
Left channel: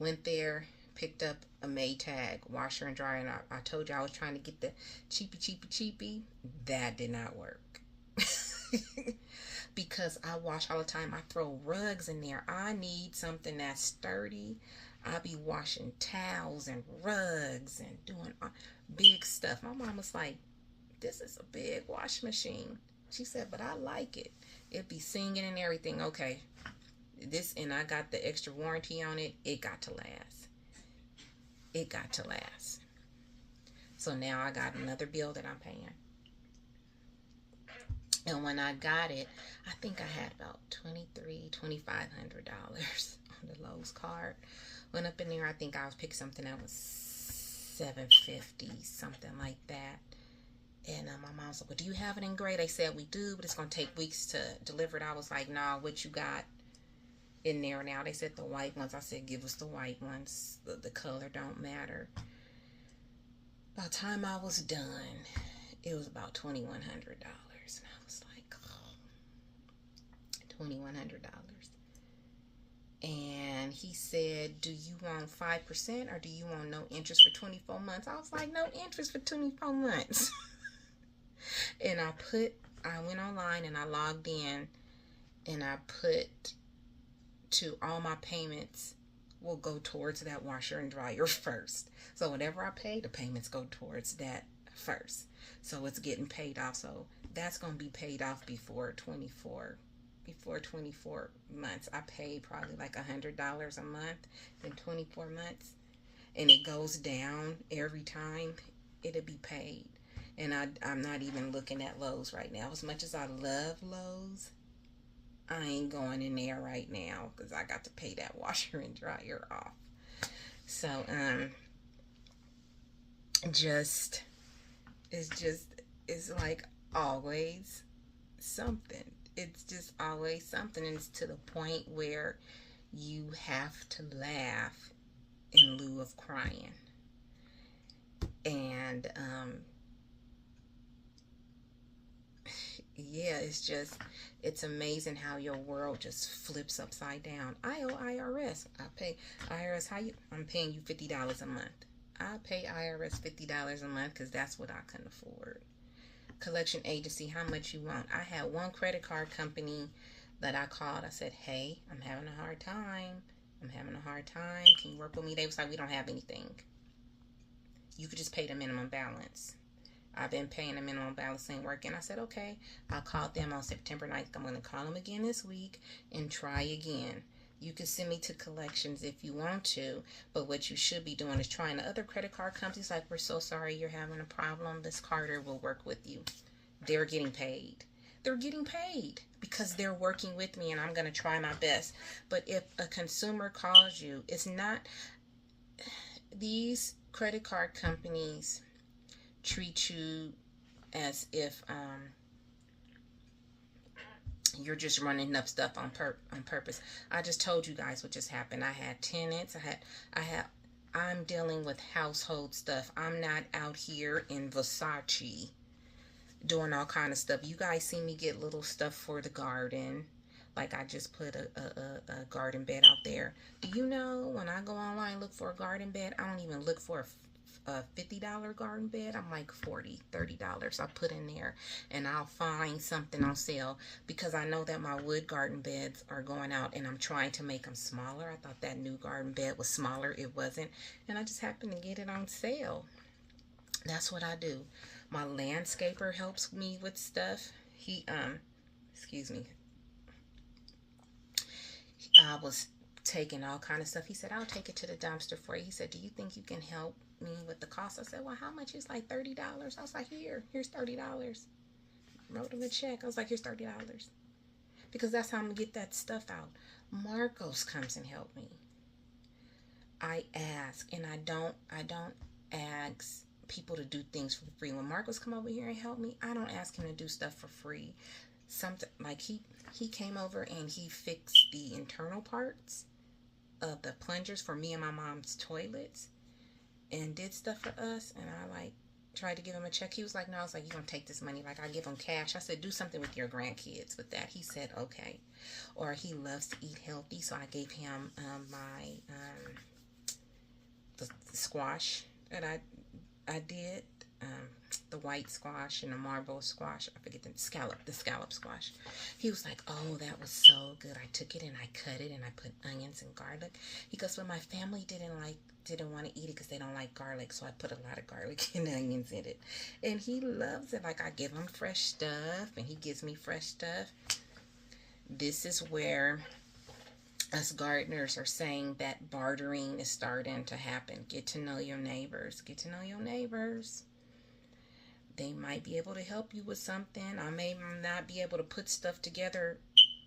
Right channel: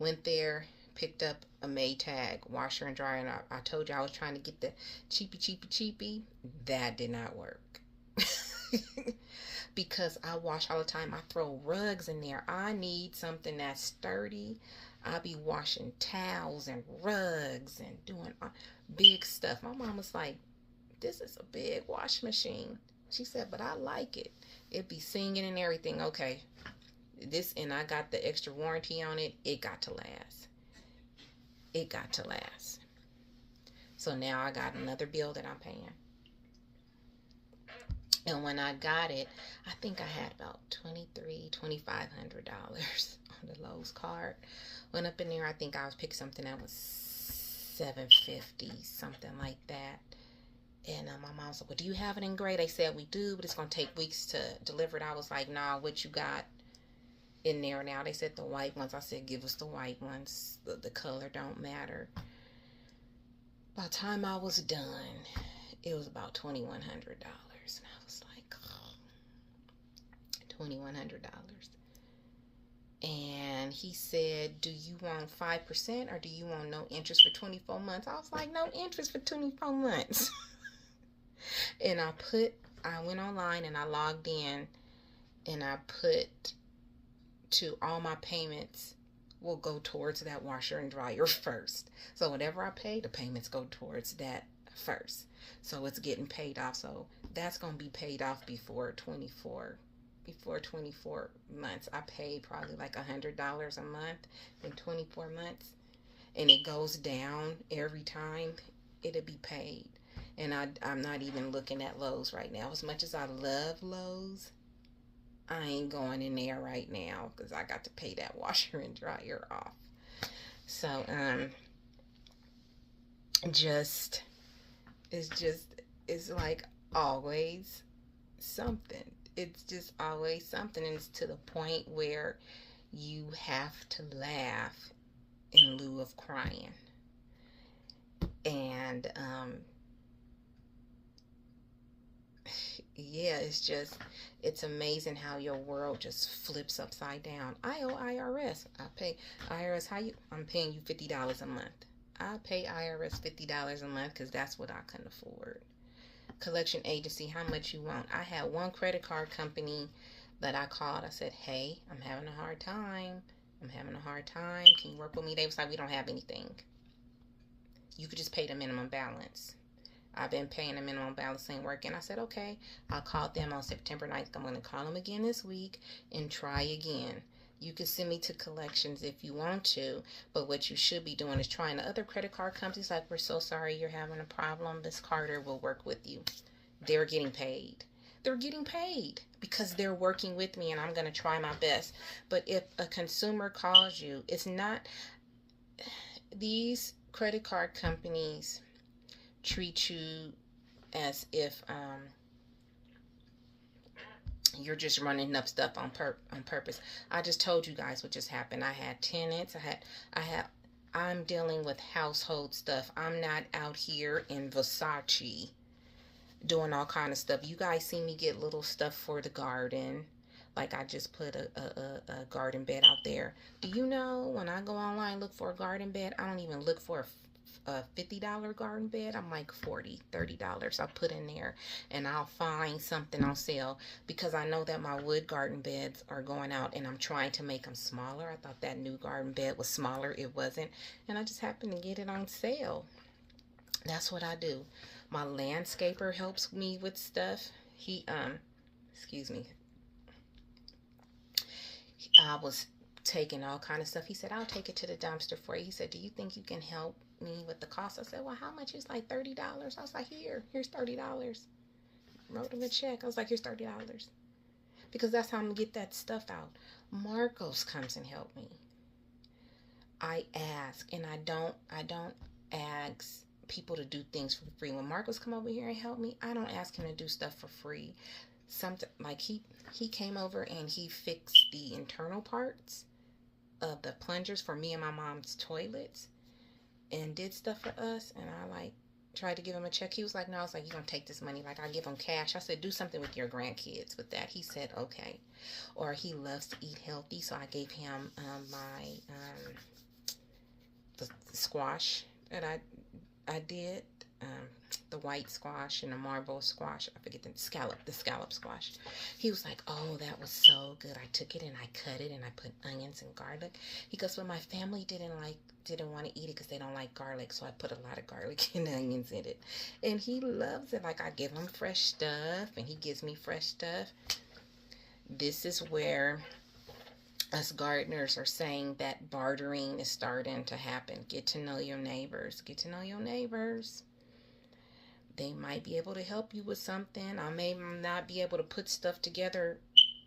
Went there, picked up a Maytag washer and dryer. And I told you I was trying to get the cheapy. That did not work. Because I wash all the time. I throw rugs in there. I need something that's sturdy. I'll be washing towels and rugs and doing big stuff. My mom was like, this is a big wash machine. She said, but I like it. It be singing and everything. Okay. And I got the extra warranty on it. It got to last. It got to last. So now I got another bill that I'm paying. And when I got it, I think I had about $2,500 on the Lowe's card. Went up in there, I think I was picking something that was $750, something like that. And my mom said, well, do you have it in gray? They said we do, but it's going to take weeks to deliver it. I was like, nah, what you got in there now? They said the white ones. I said, give us the white ones. The color don't matter. By the time I was done, it was about $2,100. And I was like, oh, $2,100. And he said, do you want 5% or do you want no interest for 24 months? I was like, no interest for 24 months. And I went online and I logged in and I put to all my payments will go towards that washer and dryer first. So whatever I pay, the payments go towards that first. So it's getting paid off. So that's going to be paid off before 24 months. I pay probably like $100 a month in 24 months. And it goes down every time it'll be paid. And I'm not even looking at Lowe's right now. As much as I love Lowe's, I ain't going in there right now because I got to pay that washer and dryer off. So, it's like always something. It's just always something. And it's to the point where you have to laugh in lieu of crying. And, Yeah, it's amazing how your world just flips upside down. I owe IRS. I pay IRS. I'm paying you $50 a month. I pay IRS $50 a month because that's what I can afford. Collection agency, how much you want? I had one credit card company that I called. I said, hey, I'm having a hard time. I'm having a hard time. Can you work with me? They was like, we don't have anything. You could just pay the minimum balance. I've been paying the minimum balance, ain't working. I said, okay. I called them on September 9th. I'm going to call them again this week and try again. You can send me to collections if you want to, but what you should be doing is trying the other credit card companies. Like, we're so sorry you're having a problem. This Carter will work with you. They're getting paid. They're getting paid because they're working with me, and I'm going to try my best. But if a consumer calls you, it's not, these credit card companies treat you as if you're just running up stuff on purpose. I just told you guys what just happened. I had tenants. I'm dealing with household stuff. I'm not out here in Versace doing all kind of stuff. You guys see me get little stuff for the garden. Like, I just put a garden bed out there. Do you know when I go online look for a garden bed, I don't even look for a $50 garden bed. I'm like $40, $30 I put in there, and I'll find something on sale because I know that my wood garden beds are going out, and I'm trying to make them smaller. I thought that new garden bed was smaller. It wasn't, and I just happened to get it on sale. That's what I do. My landscaper helps me with stuff. He excuse me, I was taking all kind of stuff. He said, I'll take it to the dumpster for you. He said, do you think you can help me with the cost? I said, well, how much? Is like $30. I was like, here's $30. Wrote him a check. I was like, here's $30. Because that's how I'm gonna get that stuff out. Marcos comes and help me. I ask, and I don't ask people to do things for free. When Marcos come over here and help me, I don't ask him to do stuff for free. Something like he came over and he fixed the internal parts of the plungers for me and my mom's toilets and did stuff for us. And I like tried to give him a check. He was like, no. I was like, you're gonna take this money? Like, I give him cash. I said, do something with your grandkids with that. He said, okay. Or he loves to eat healthy, so I gave him my the squash that I did, the white squash and the marble squash. I forget the scallop squash. He was like, oh, that was so good. I took it and I cut it and I put onions and garlic. He goes, well, my family didn't want to eat it because they don't like garlic, so I put a lot of garlic and onions in it. And he loves it. Like, I give him fresh stuff and he gives me fresh stuff. This is where us gardeners are saying that bartering is starting to happen. Get to know your neighbors. Get to know your neighbors. They might be able to help you with something. I may not be able to put stuff together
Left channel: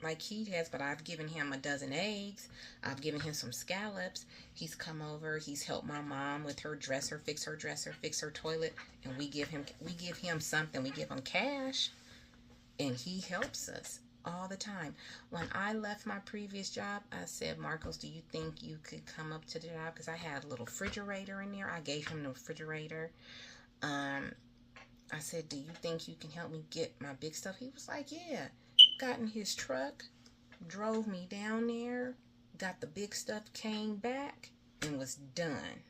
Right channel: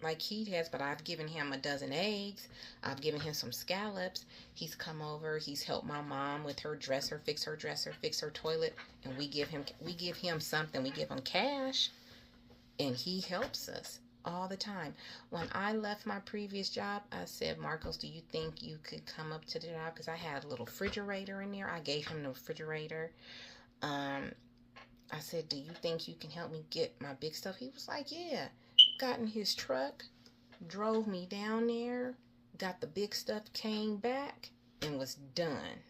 like he has, but I've given him a dozen eggs. I've given him some scallops. He's come over. He's helped my mom with her dresser, fix her toilet, and we give him something. We give him cash, and he helps us all the time. When I left my previous job, I said, Marcos, do you think you could come up to the job? Because I had a little refrigerator in there. I gave him the refrigerator. I said, do you think you can help me get my big stuff? He was like, yeah. Got in his truck, drove me down there, got the big stuff, came back, and was done.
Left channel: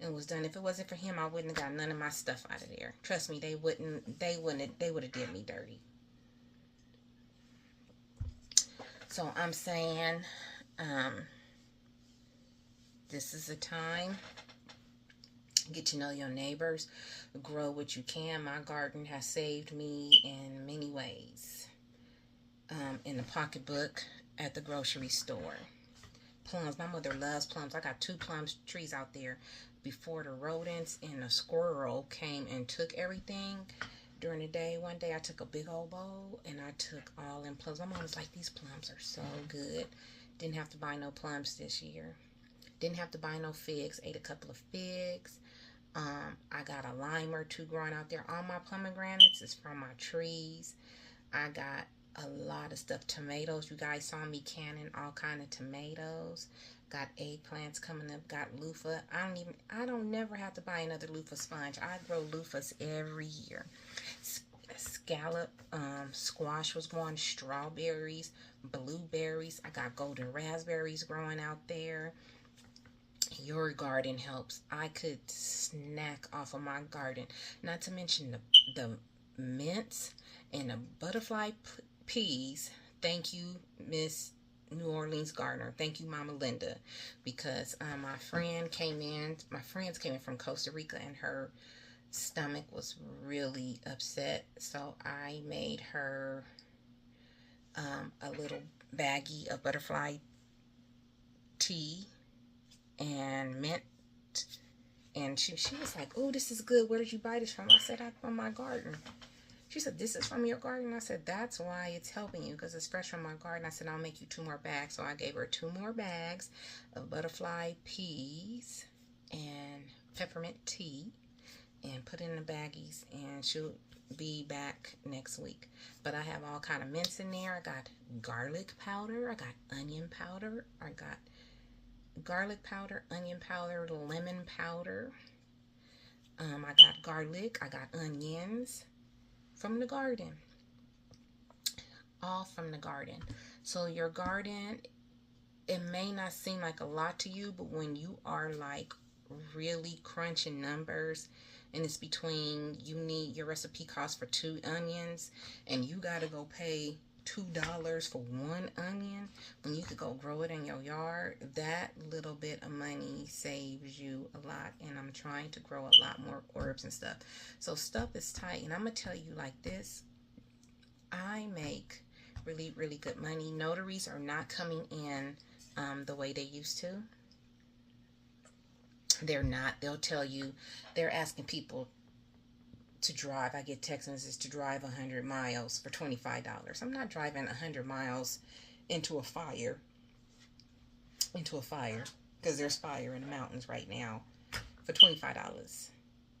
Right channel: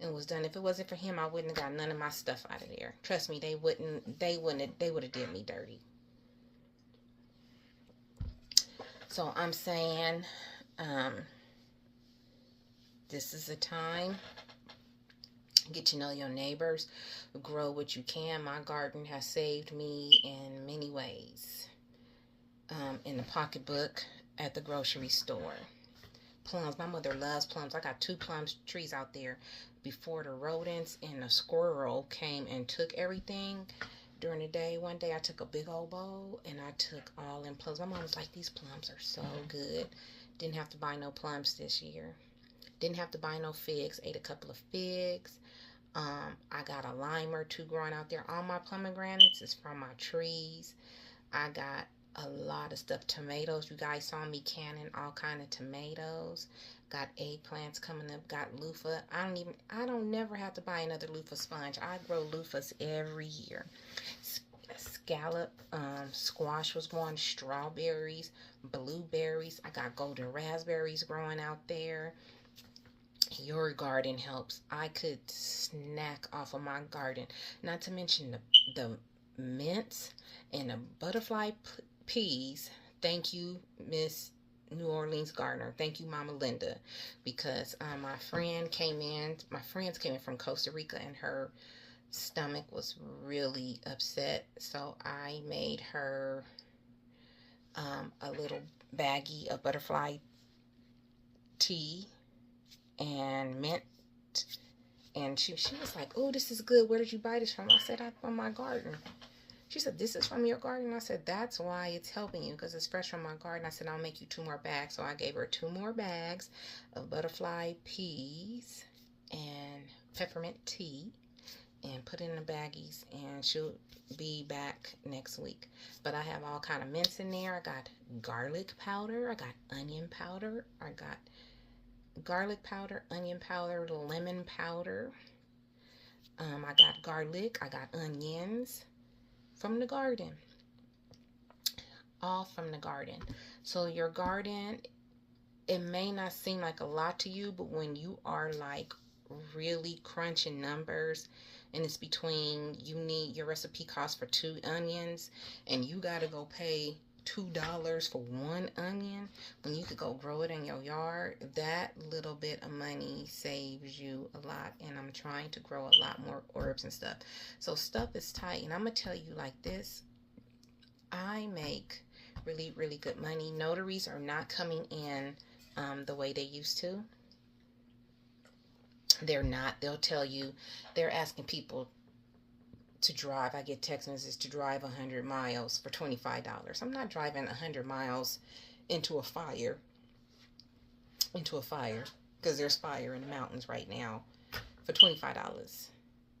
If it wasn't for him, I wouldn't have got none of my stuff out of there. Trust me, they would have did me dirty. So I'm saying, this is a time. Get to know your neighbors. Grow what you can. My garden has saved me in many ways. In the pocketbook, at the grocery store. Plums. My mother loves plums. I got 2 plum trees out there. Before the rodents and the squirrel came and took everything during the day, one day I took a big old bowl and I took all them plums. My mom was like, these plums are so good. Didn't have to buy no plums this year. Didn't have to buy no figs. Ate a couple of figs. I got a lime or 2 growing out there. All my pomegranates is from my trees. I got a lot of stuff. Tomatoes. You guys saw me canning all kind of tomatoes. Got eggplants coming up. Got loofah. I don't never have to buy another loofah sponge. I grow loofahs every year. scallop, squash was growing, strawberries, blueberries. I got golden raspberries growing out there. Your garden helps. I could snack off of my garden. Not to mention the mints and the butterfly peas. Thank you, Miss New Orleans Gardener. Thank you, Mama Linda, because my friends came in from Costa Rica, and her stomach was really upset. So I made her a little baggie of butterfly tea and mint. And she was like, "Oh, this is good. Where did you buy this from?" I said, "From my garden." She said, "This is from your garden?" I said, "That's why it's helping you, because it's fresh from my garden." I said, "I'll make you 2 more bags." So I gave her 2 more bags of butterfly peas and peppermint tea and put it in the baggies, and she'll be back next week. But I have all kind of mints in there. I got garlic powder. I got onion powder. I got garlic powder, onion powder, lemon powder. I got garlic. I got onions from the garden. All from the garden. So your garden, it may not seem like a lot to you, but when you are like really crunching numbers, and it's between, you need, your recipe calls for 2 onions, and you got to go pay $2 for 1 onion when you could go grow it in your yard. That little bit of money saves you a lot. And I'm trying to grow a lot more herbs and stuff. So stuff is tight. And I'm going to tell you like this. I make really, really good money. Notaries are not coming in the way they used to. They're not. They'll tell you, they're asking people to drive. I get text messages to drive 100 miles for $25. I'm not driving 100 miles into a fire, because there's fire in the mountains right now, for $25.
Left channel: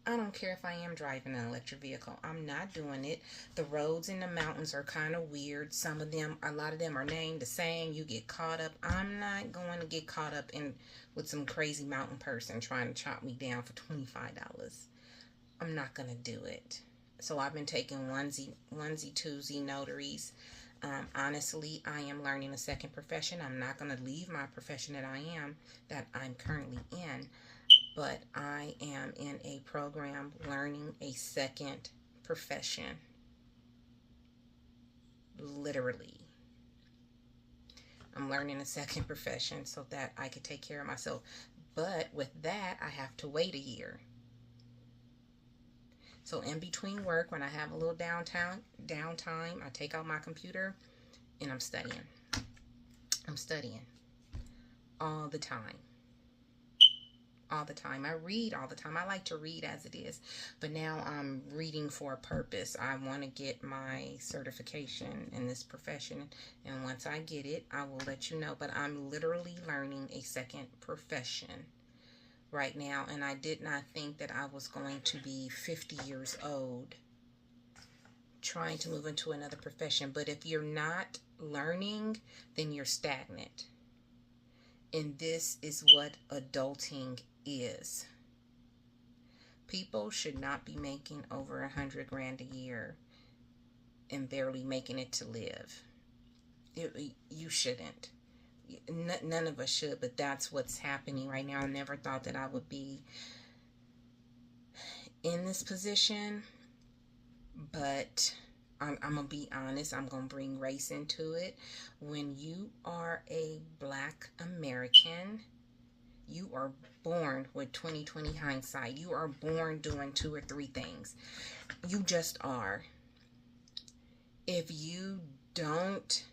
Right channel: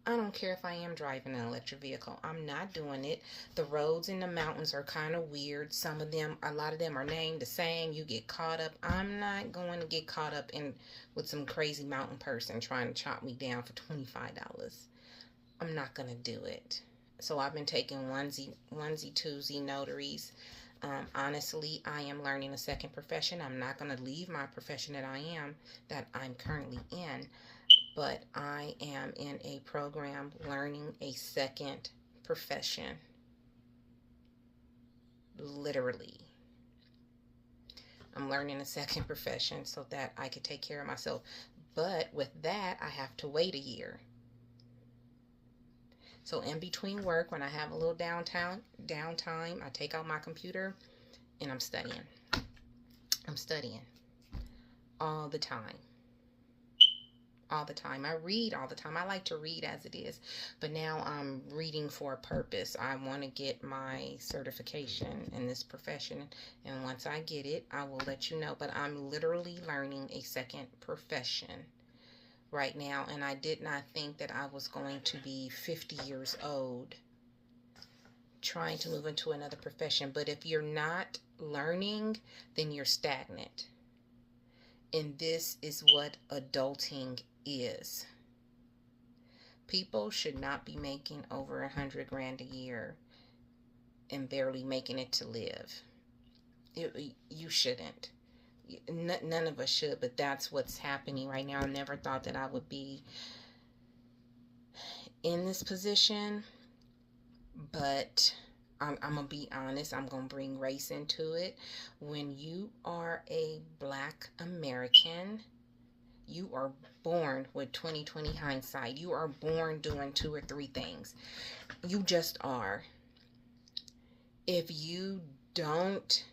I don't care if I am driving an electric vehicle. I'm not doing it. The roads in the mountains are kind of weird. Some of them, a lot of them are named the same. You get caught up. I'm not going to get caught up in with some crazy mountain person trying to chop me down for $25. I'm not going to do it. So I've been taking onesie, twosie notaries. Honestly, I am learning a second profession. I'm not going to leave my profession that I'm currently in, but I am in a program learning a second profession. Literally. I'm learning a second profession so that I could take care of myself. But with that, I have to wait a year. So in between work, when I have a little downtime, I take out my computer and I'm studying. I'm studying all the time. All the time. I read all the time. I like to read as it is, but now I'm reading for a purpose. I want to get my certification in this profession, and once I get it, I will let you know. But I'm literally learning a second profession right now, and I did not think that I was going to be 50 years old trying to move into another profession. But if you're not learning, then you're stagnant. And this is what adulting is. People should not be making over 100 grand a year and barely making it to live. You shouldn't. None of us should, but that's what's happening right now. I never thought that I would be in this position, but I'm going to be honest. I'm going to bring race into it. When you are a Black American, you are born with 20/20 hindsight. You are born doing 2 or 3 things. You just are. If you weren't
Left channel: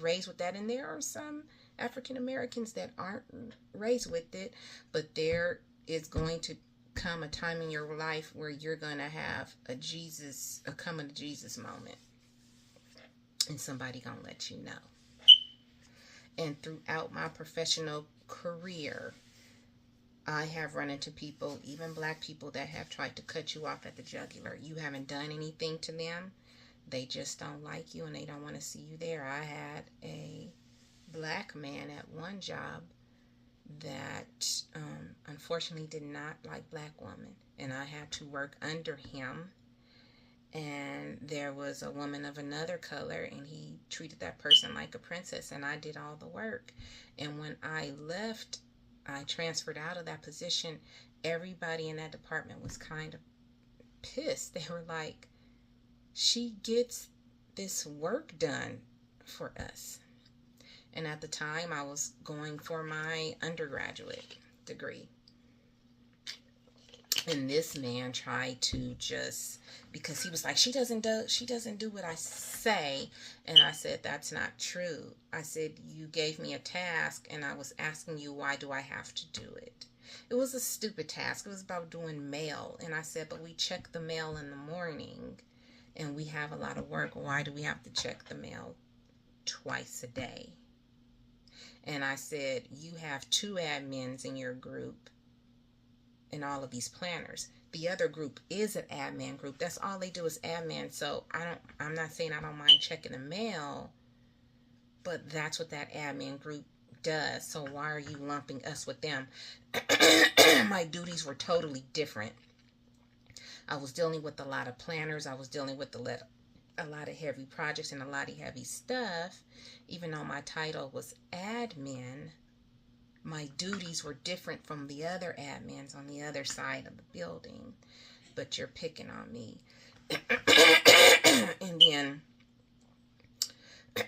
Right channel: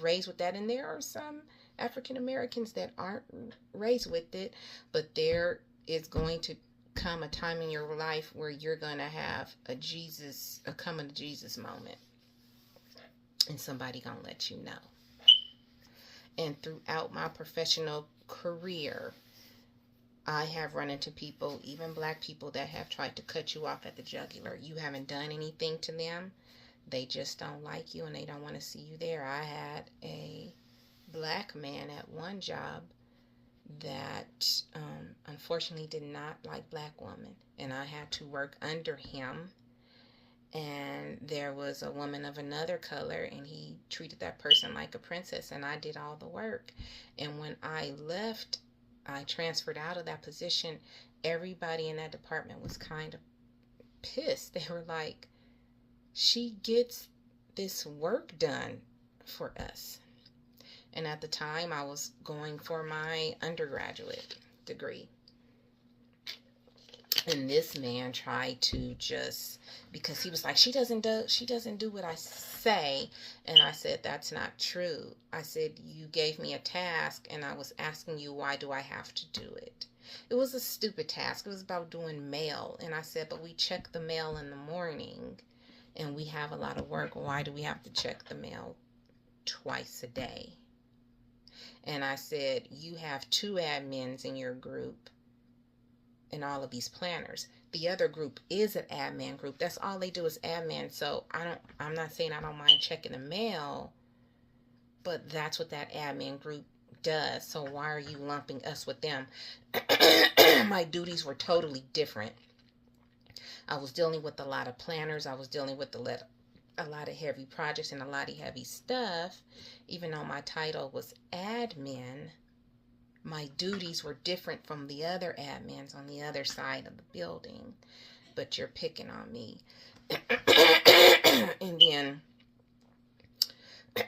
raised with that, and there are some African Americans that aren't raised with it, but there is going to come a time in your life where you're going to have a coming to Jesus moment, and somebody going to let you know. And throughout my professional career, I have run into people, even Black people, that have tried to cut you off at the jugular. You haven't done anything to them. They just don't like you and they don't want to see you there. I had a Black man at one job that unfortunately did not like black women, and I had to work under him. And there was a woman of another color, and he treated that person like a princess, and I did all the work. And when I left, I transferred out of that position. Everybody in that department was kind of pissed. They were like, she gets this work done for us. And at the time, I was going for my undergraduate degree. And this man tried to just, because he was like, she doesn't do what I say. And I said, that's not true. I said, you gave me a task and I was asking you, why do I have to do it? It was a stupid task. It was about doing mail. And I said, but we check the mail in the morning and we have a lot of work. Why do we have to check the mail twice a day? And I said, you have 2 admins in your group and all of these planners. The other group is an admin group. That's all they do is admin. So I'm not saying I don't mind checking the mail, but that's what that admin group does. So why are you lumping us with them? My duties were totally different. I was dealing with a lot of planners. I was dealing with a lot of heavy projects and a lot of heavy stuff. Even though my title was admin, my duties were different from the other admins on the other side of the building. But you're picking on me. And then,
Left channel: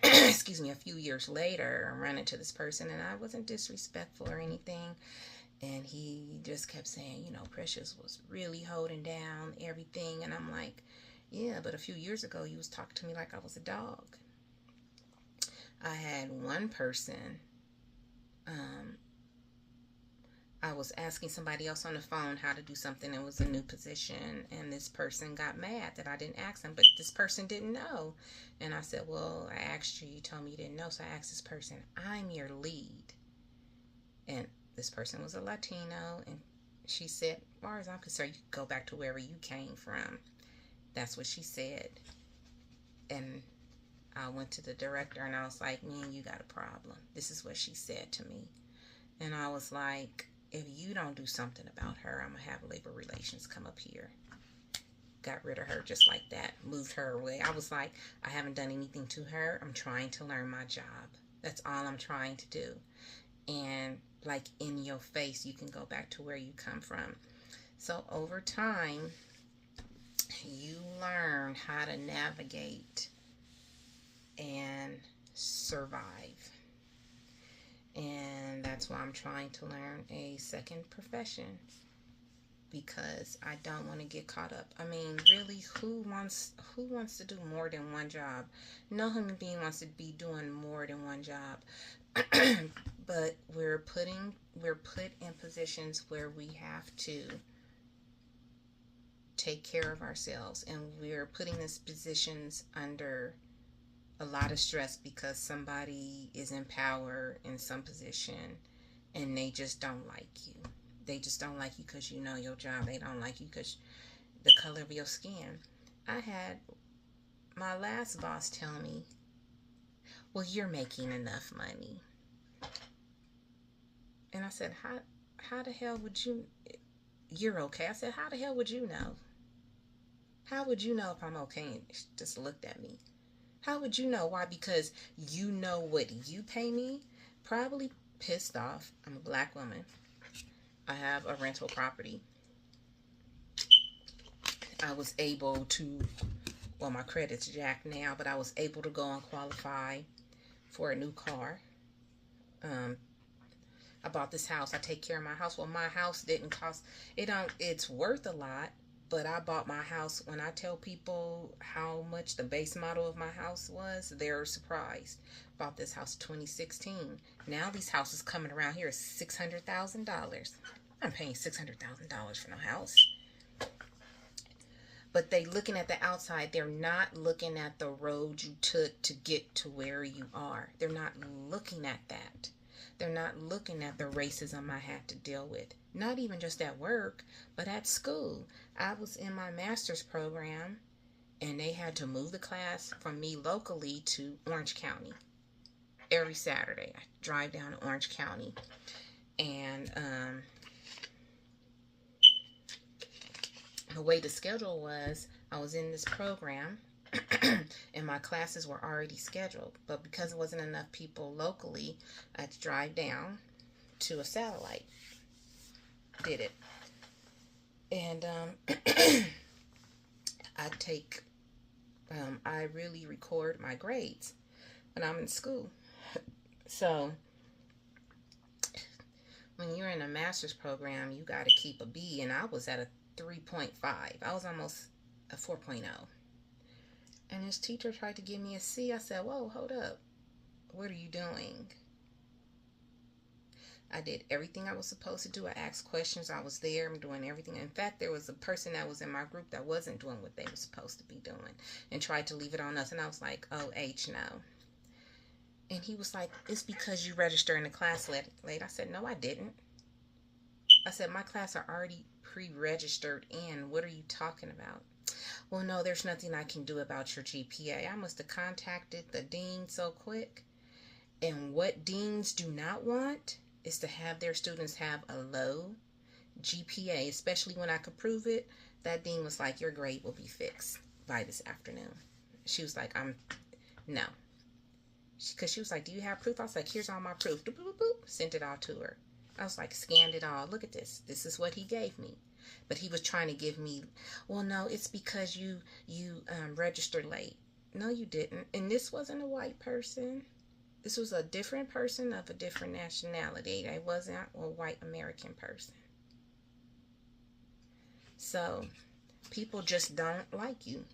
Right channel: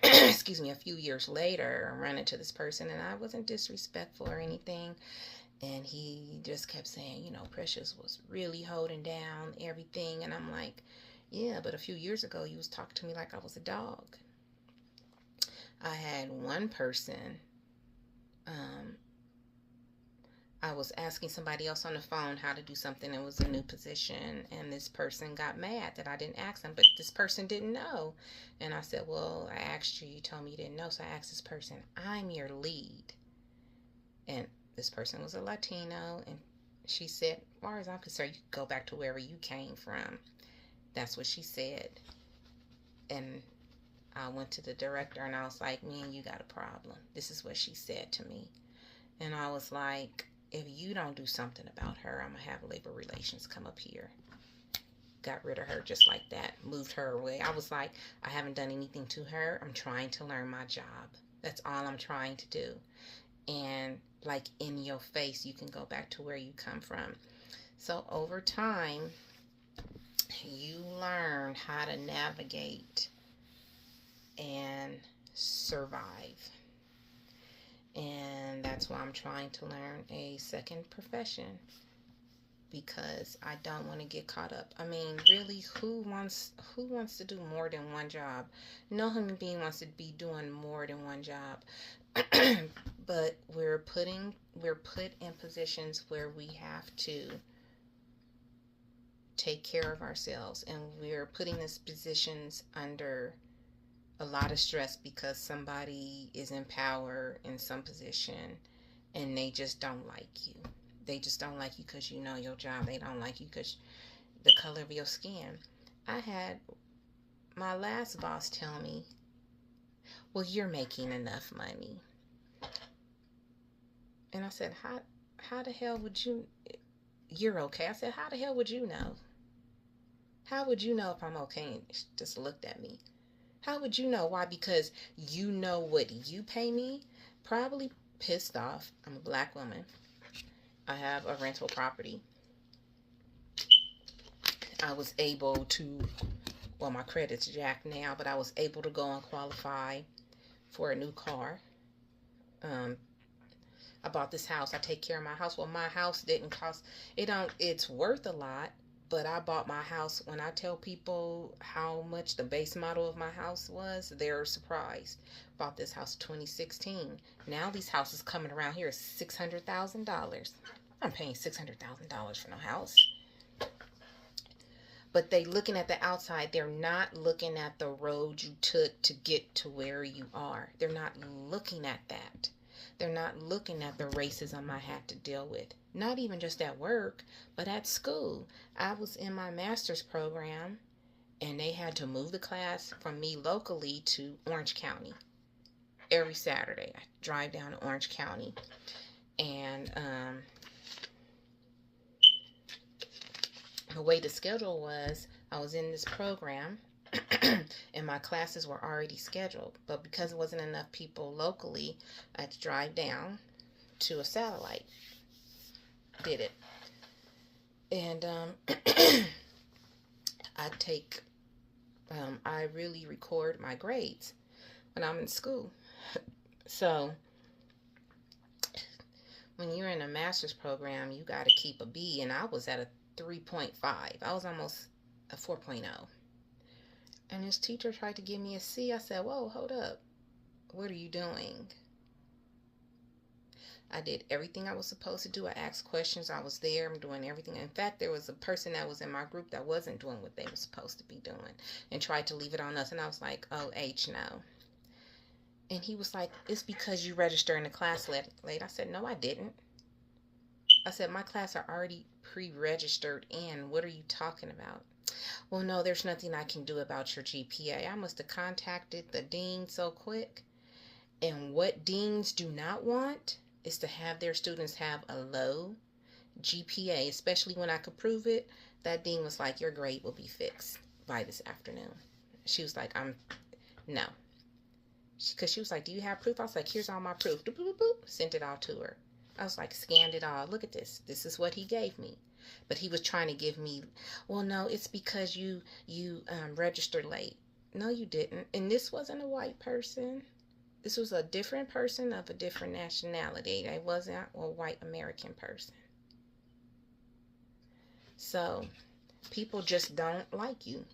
excuse me, a few years later, I ran into this person, and I wasn't disrespectful or anything. And he just kept saying, Precious was really holding down everything. And I'm like, yeah, but a few years ago, you was talking to me like I was a dog. I had one person, I was asking somebody else on the phone how to do something. It was a new position, and this person got mad that I didn't ask them, but this person didn't know. And I said, well, I asked you, you told me you didn't know, so I asked this person, I'm your lead. And this person was a Latino, and she said, as far as I'm concerned, you can go back to wherever you came from. That's what she said. And I went to the director, and I was like, me and you got a problem. This is what she said to me. And I was like, if you don't do something about her, I'm going to have labor relations come up here. Got rid of her just like that. Moved her away. I was like, I haven't done anything to her. I'm trying to learn my job. That's all I'm trying to do. And like in your face, you can go back to where you come from. So over time, you learn how to navigate and survive. And that's why I'm trying to learn a second profession, because I don't want to get caught up. I mean, really, who wants to do more than one job? No human being wants to be doing more than one job. But we're put in positions where we have to take care of ourselves, and we're putting these positions under a lot of stress because somebody is in power in some position and they just don't like you. They just don't like you because you know your job. They don't like you because the color of your skin. I had my last boss tell me, well, you're making enough money. And I said, how the hell would you, you're okay. I said, how the hell would you know? How would you know if I'm okay? And she just looked at me. How would you know? Why? Because you know what you pay me? Probably pissed off. I'm a black woman. I have a rental property. I was able to, well, my credit's jacked now, but I was able to go and qualify for a new car. I bought this house. I take care of my house. Well, my house didn't cost, it's worth a lot. But I bought my house. When I tell people how much the base model of my house was, they're surprised. Bought this house 2016. Now these houses coming around here is $600,000. I'm paying $600,000 for no house. But they looking at the outside. They're not looking at the road you took to get to where you are. They're not looking at that. They're not looking at the racism I had to deal with. Not even just at work, but at school. I was in my master's program, and they had to move the class from me locally to Orange County. Every Saturday, I drive down to Orange County. And the way the schedule was, I was in this program and my classes were already scheduled. But because there wasn't enough people locally, I had to drive down to a satellite. Did it. And I take, I really record my grades when I'm in school. So when you're in a master's program, you got to keep a B, and I was at a 3.5. I was almost a 4.0. And this teacher tried to give me a C. I said, whoa, hold up. What are you doing? I did everything I was supposed to do. I asked questions. I was there. I'm doing everything. In fact, there was a person that was in my group that wasn't doing what they were supposed to be doing and tried to leave it on us. And I was like, oh, H, no. And he was like, it's because you registered in the class late. I said, no, I didn't. I said, my class are already pre-registered in. What are you talking about? Well, no, there's nothing I can do about your GPA. I must have contacted the dean so quick. And what deans do not want is to have their students have a low GPA, especially when I could prove it. That dean was like, your grade will be fixed by this afternoon. She was like, no. Because she was like, do you have proof? I was like, here's all my proof. Boop, boop, boop. Sent it all to her. I was like, scanned it all. Look at this. This is what he gave me. But he was trying to give me, well, no, it's because you registered late. No, you didn't. And this wasn't a white person. This was a different person of a different nationality. It wasn't a white American person. So people just don't like you.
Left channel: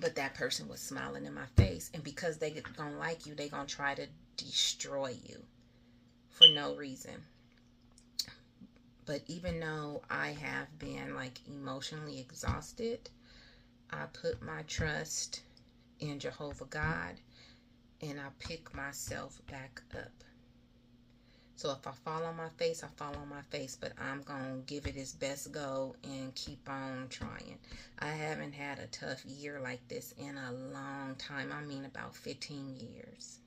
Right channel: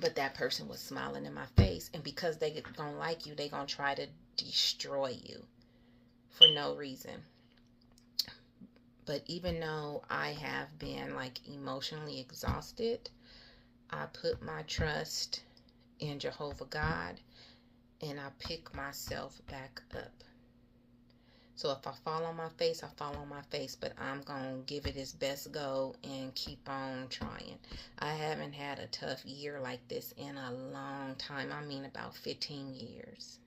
But that person was smiling in my face. And because they don't like you, they going to try to destroy you for no reason. But even though I have been like emotionally exhausted, I put my trust in Jehovah God and I pick myself back up. So if I fall on my face, I fall on my face, but I'm going to give it its best go and keep on trying. I haven't had a tough year like this in a long time. I mean about 15 years.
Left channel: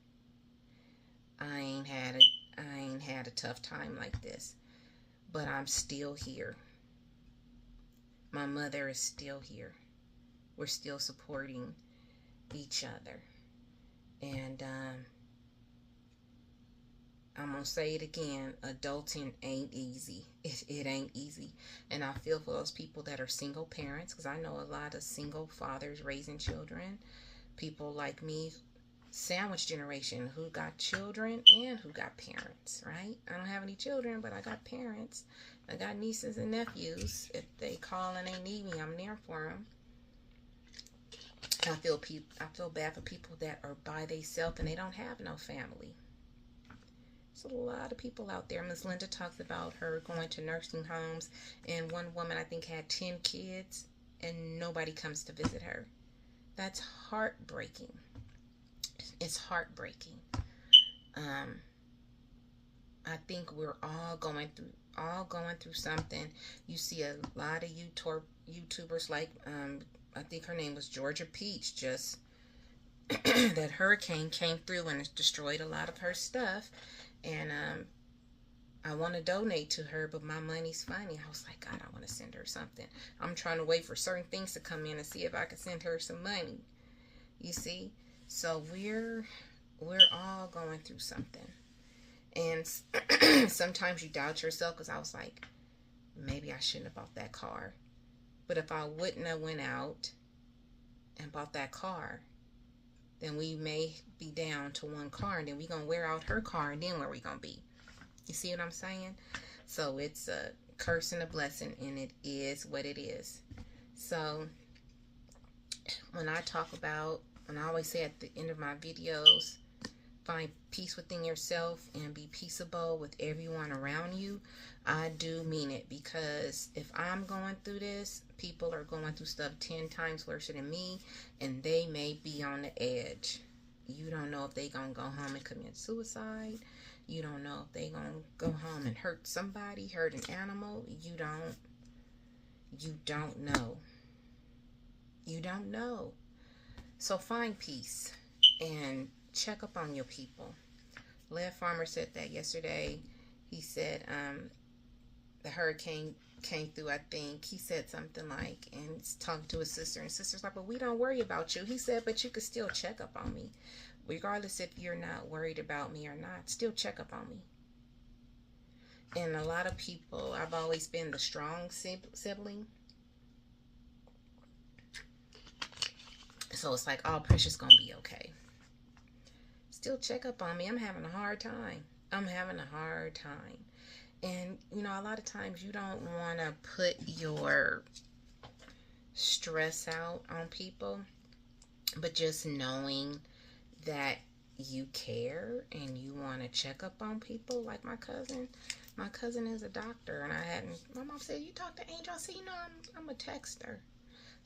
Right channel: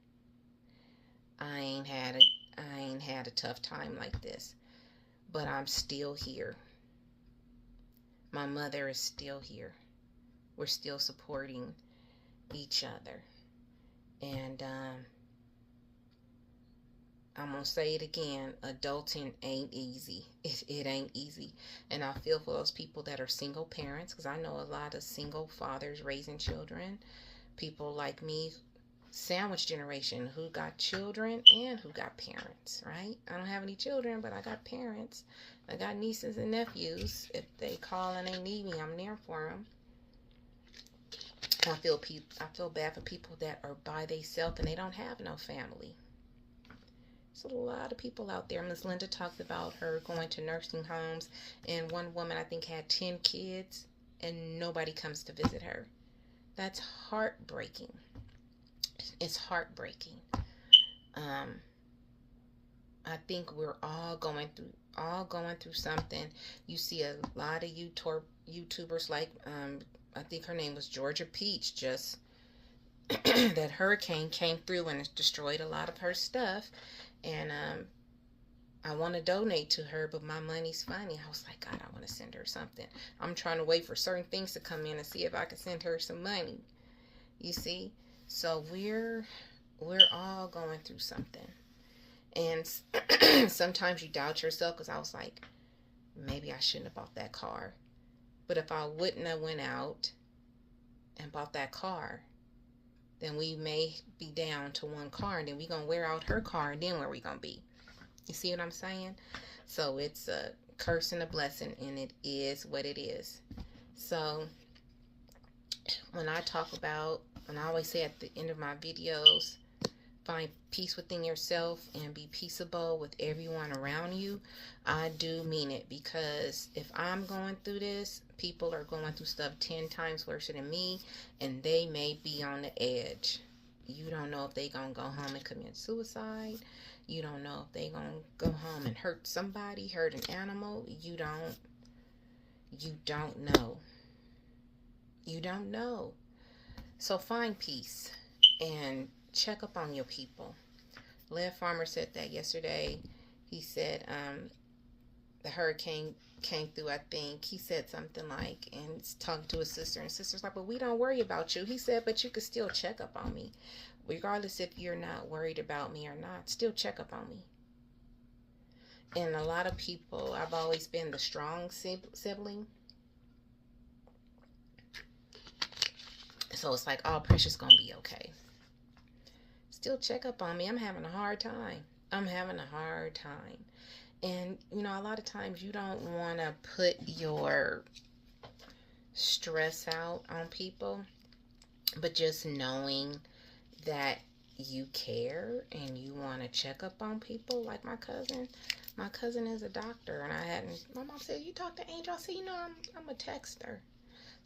I ain't had a tough time like this. But I'm still here. My mother is still here. We're still supporting each other. And I'm going to say it again. Adulting ain't easy. It ain't easy. And I feel for those people that are single parents, because I know a lot of single fathers raising children. People like me, sandwich generation, who got children and who got parents, right? I don't have any children, but I got parents. I got nieces and nephews. If they call and they need me, I'm there for them. I feel bad for people that are by themselves and they don't have no family. There's a lot of people out there. Ms. Linda talks about her going to nursing homes, and one woman I think had 10 kids and nobody comes to visit her. That's heartbreaking. It's heartbreaking. I think we're all going through something. You see a lot of YouTubers like I think her name was Georgia Peach. Just that hurricane came through and it destroyed a lot of her stuff, and I want to donate to her, but my money's funny. I was like, God, I want to send her something. I'm trying to wait for certain things to come in and see if I can send her some money. You see? So we're all going through something. And sometimes you doubt yourself, because I was like, maybe I shouldn't have bought that car. But if I wouldn't have went out and bought that car, then we may be down to one car, and then we're going to wear out her car, and then where we going to be? You see what I'm saying? So it's a curse and a blessing, and it is what it is. So when I always say at the end of my videos, find peace within yourself and be peaceable with everyone around you. I do mean it, because if I'm going through this, people are going through stuff 10 times worse than me, and they may be on the edge. You don't know if they gonna go home and commit suicide. You don't know if they gonna go home and hurt somebody, hurt an animal. You don't know. You don't know. So find peace and check up on your people. Lev Farmer said that yesterday. He said the hurricane came through, I think. He said something like, and he's talking to his sister, and sister's like, but we don't worry about you. He said, but you could still check up on me. Regardless if you're not worried about me or not, still check up on me. And a lot of people, I've always been the strong sibling. So it's like, oh, Precious gonna be okay. Still check up on me. I'm having a hard time. I'm having a hard time. And, you know, a lot of times you don't want to put your stress out on people, but just knowing that you care and you want to check up on people, like my cousin is a doctor, and my mom said, you talk to Angel? I said, you know, I'm a texter.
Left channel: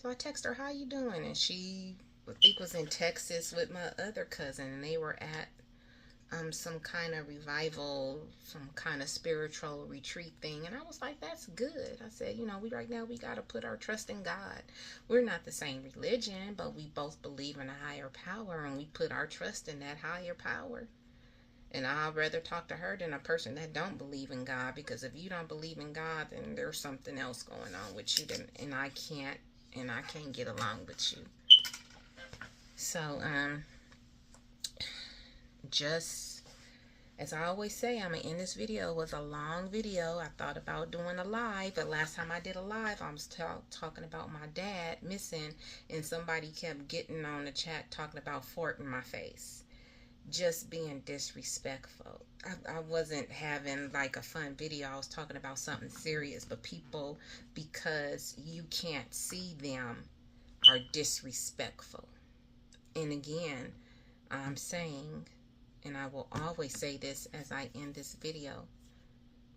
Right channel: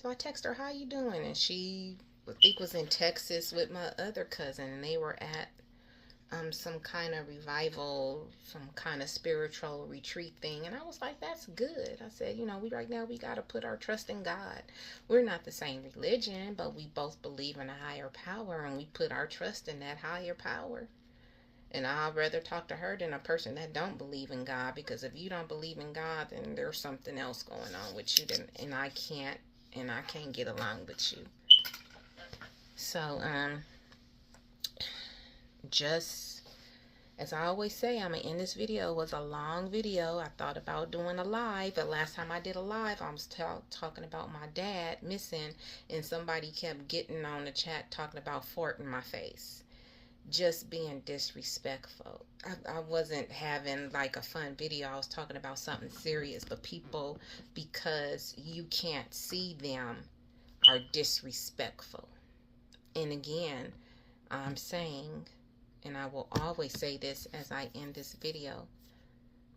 So I text her, how you doing? And she, I think, was in Texas with my other cousin, and they were at some kind of revival, some kind of spiritual retreat thing. And I was like, that's good. I said, you know, right now we got to put our trust in God. We're not the same religion, but we both believe in a higher power, and we put our trust in that higher power. And I'd rather talk to her than a person that don't believe in God, because if you don't believe in God, then there's something else going on with you, and I can't get along with you. So just as I always say, I'm gonna end this video. It was a long video. I thought about doing a live, but last time I did a live, I was talking about my dad missing, and somebody kept getting on the chat talking about fart in my face, just being disrespectful. I wasn't having like a fun video. I was talking about something serious, but people, because you can't see them, are disrespectful. And again, I'm saying, and I will always say this as I end this video,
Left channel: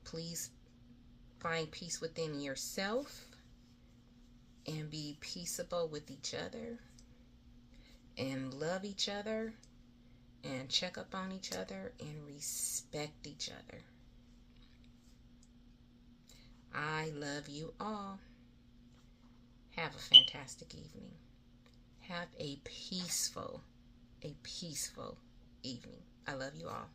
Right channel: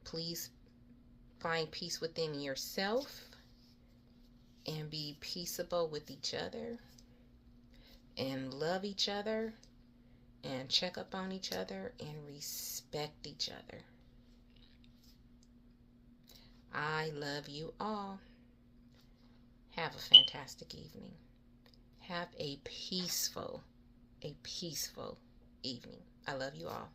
please find peace within yourself and be peaceable with each other and love each other and check up on each other and respect each other. I love you all. Have a fantastic evening. Have a peaceful evening. I love you all.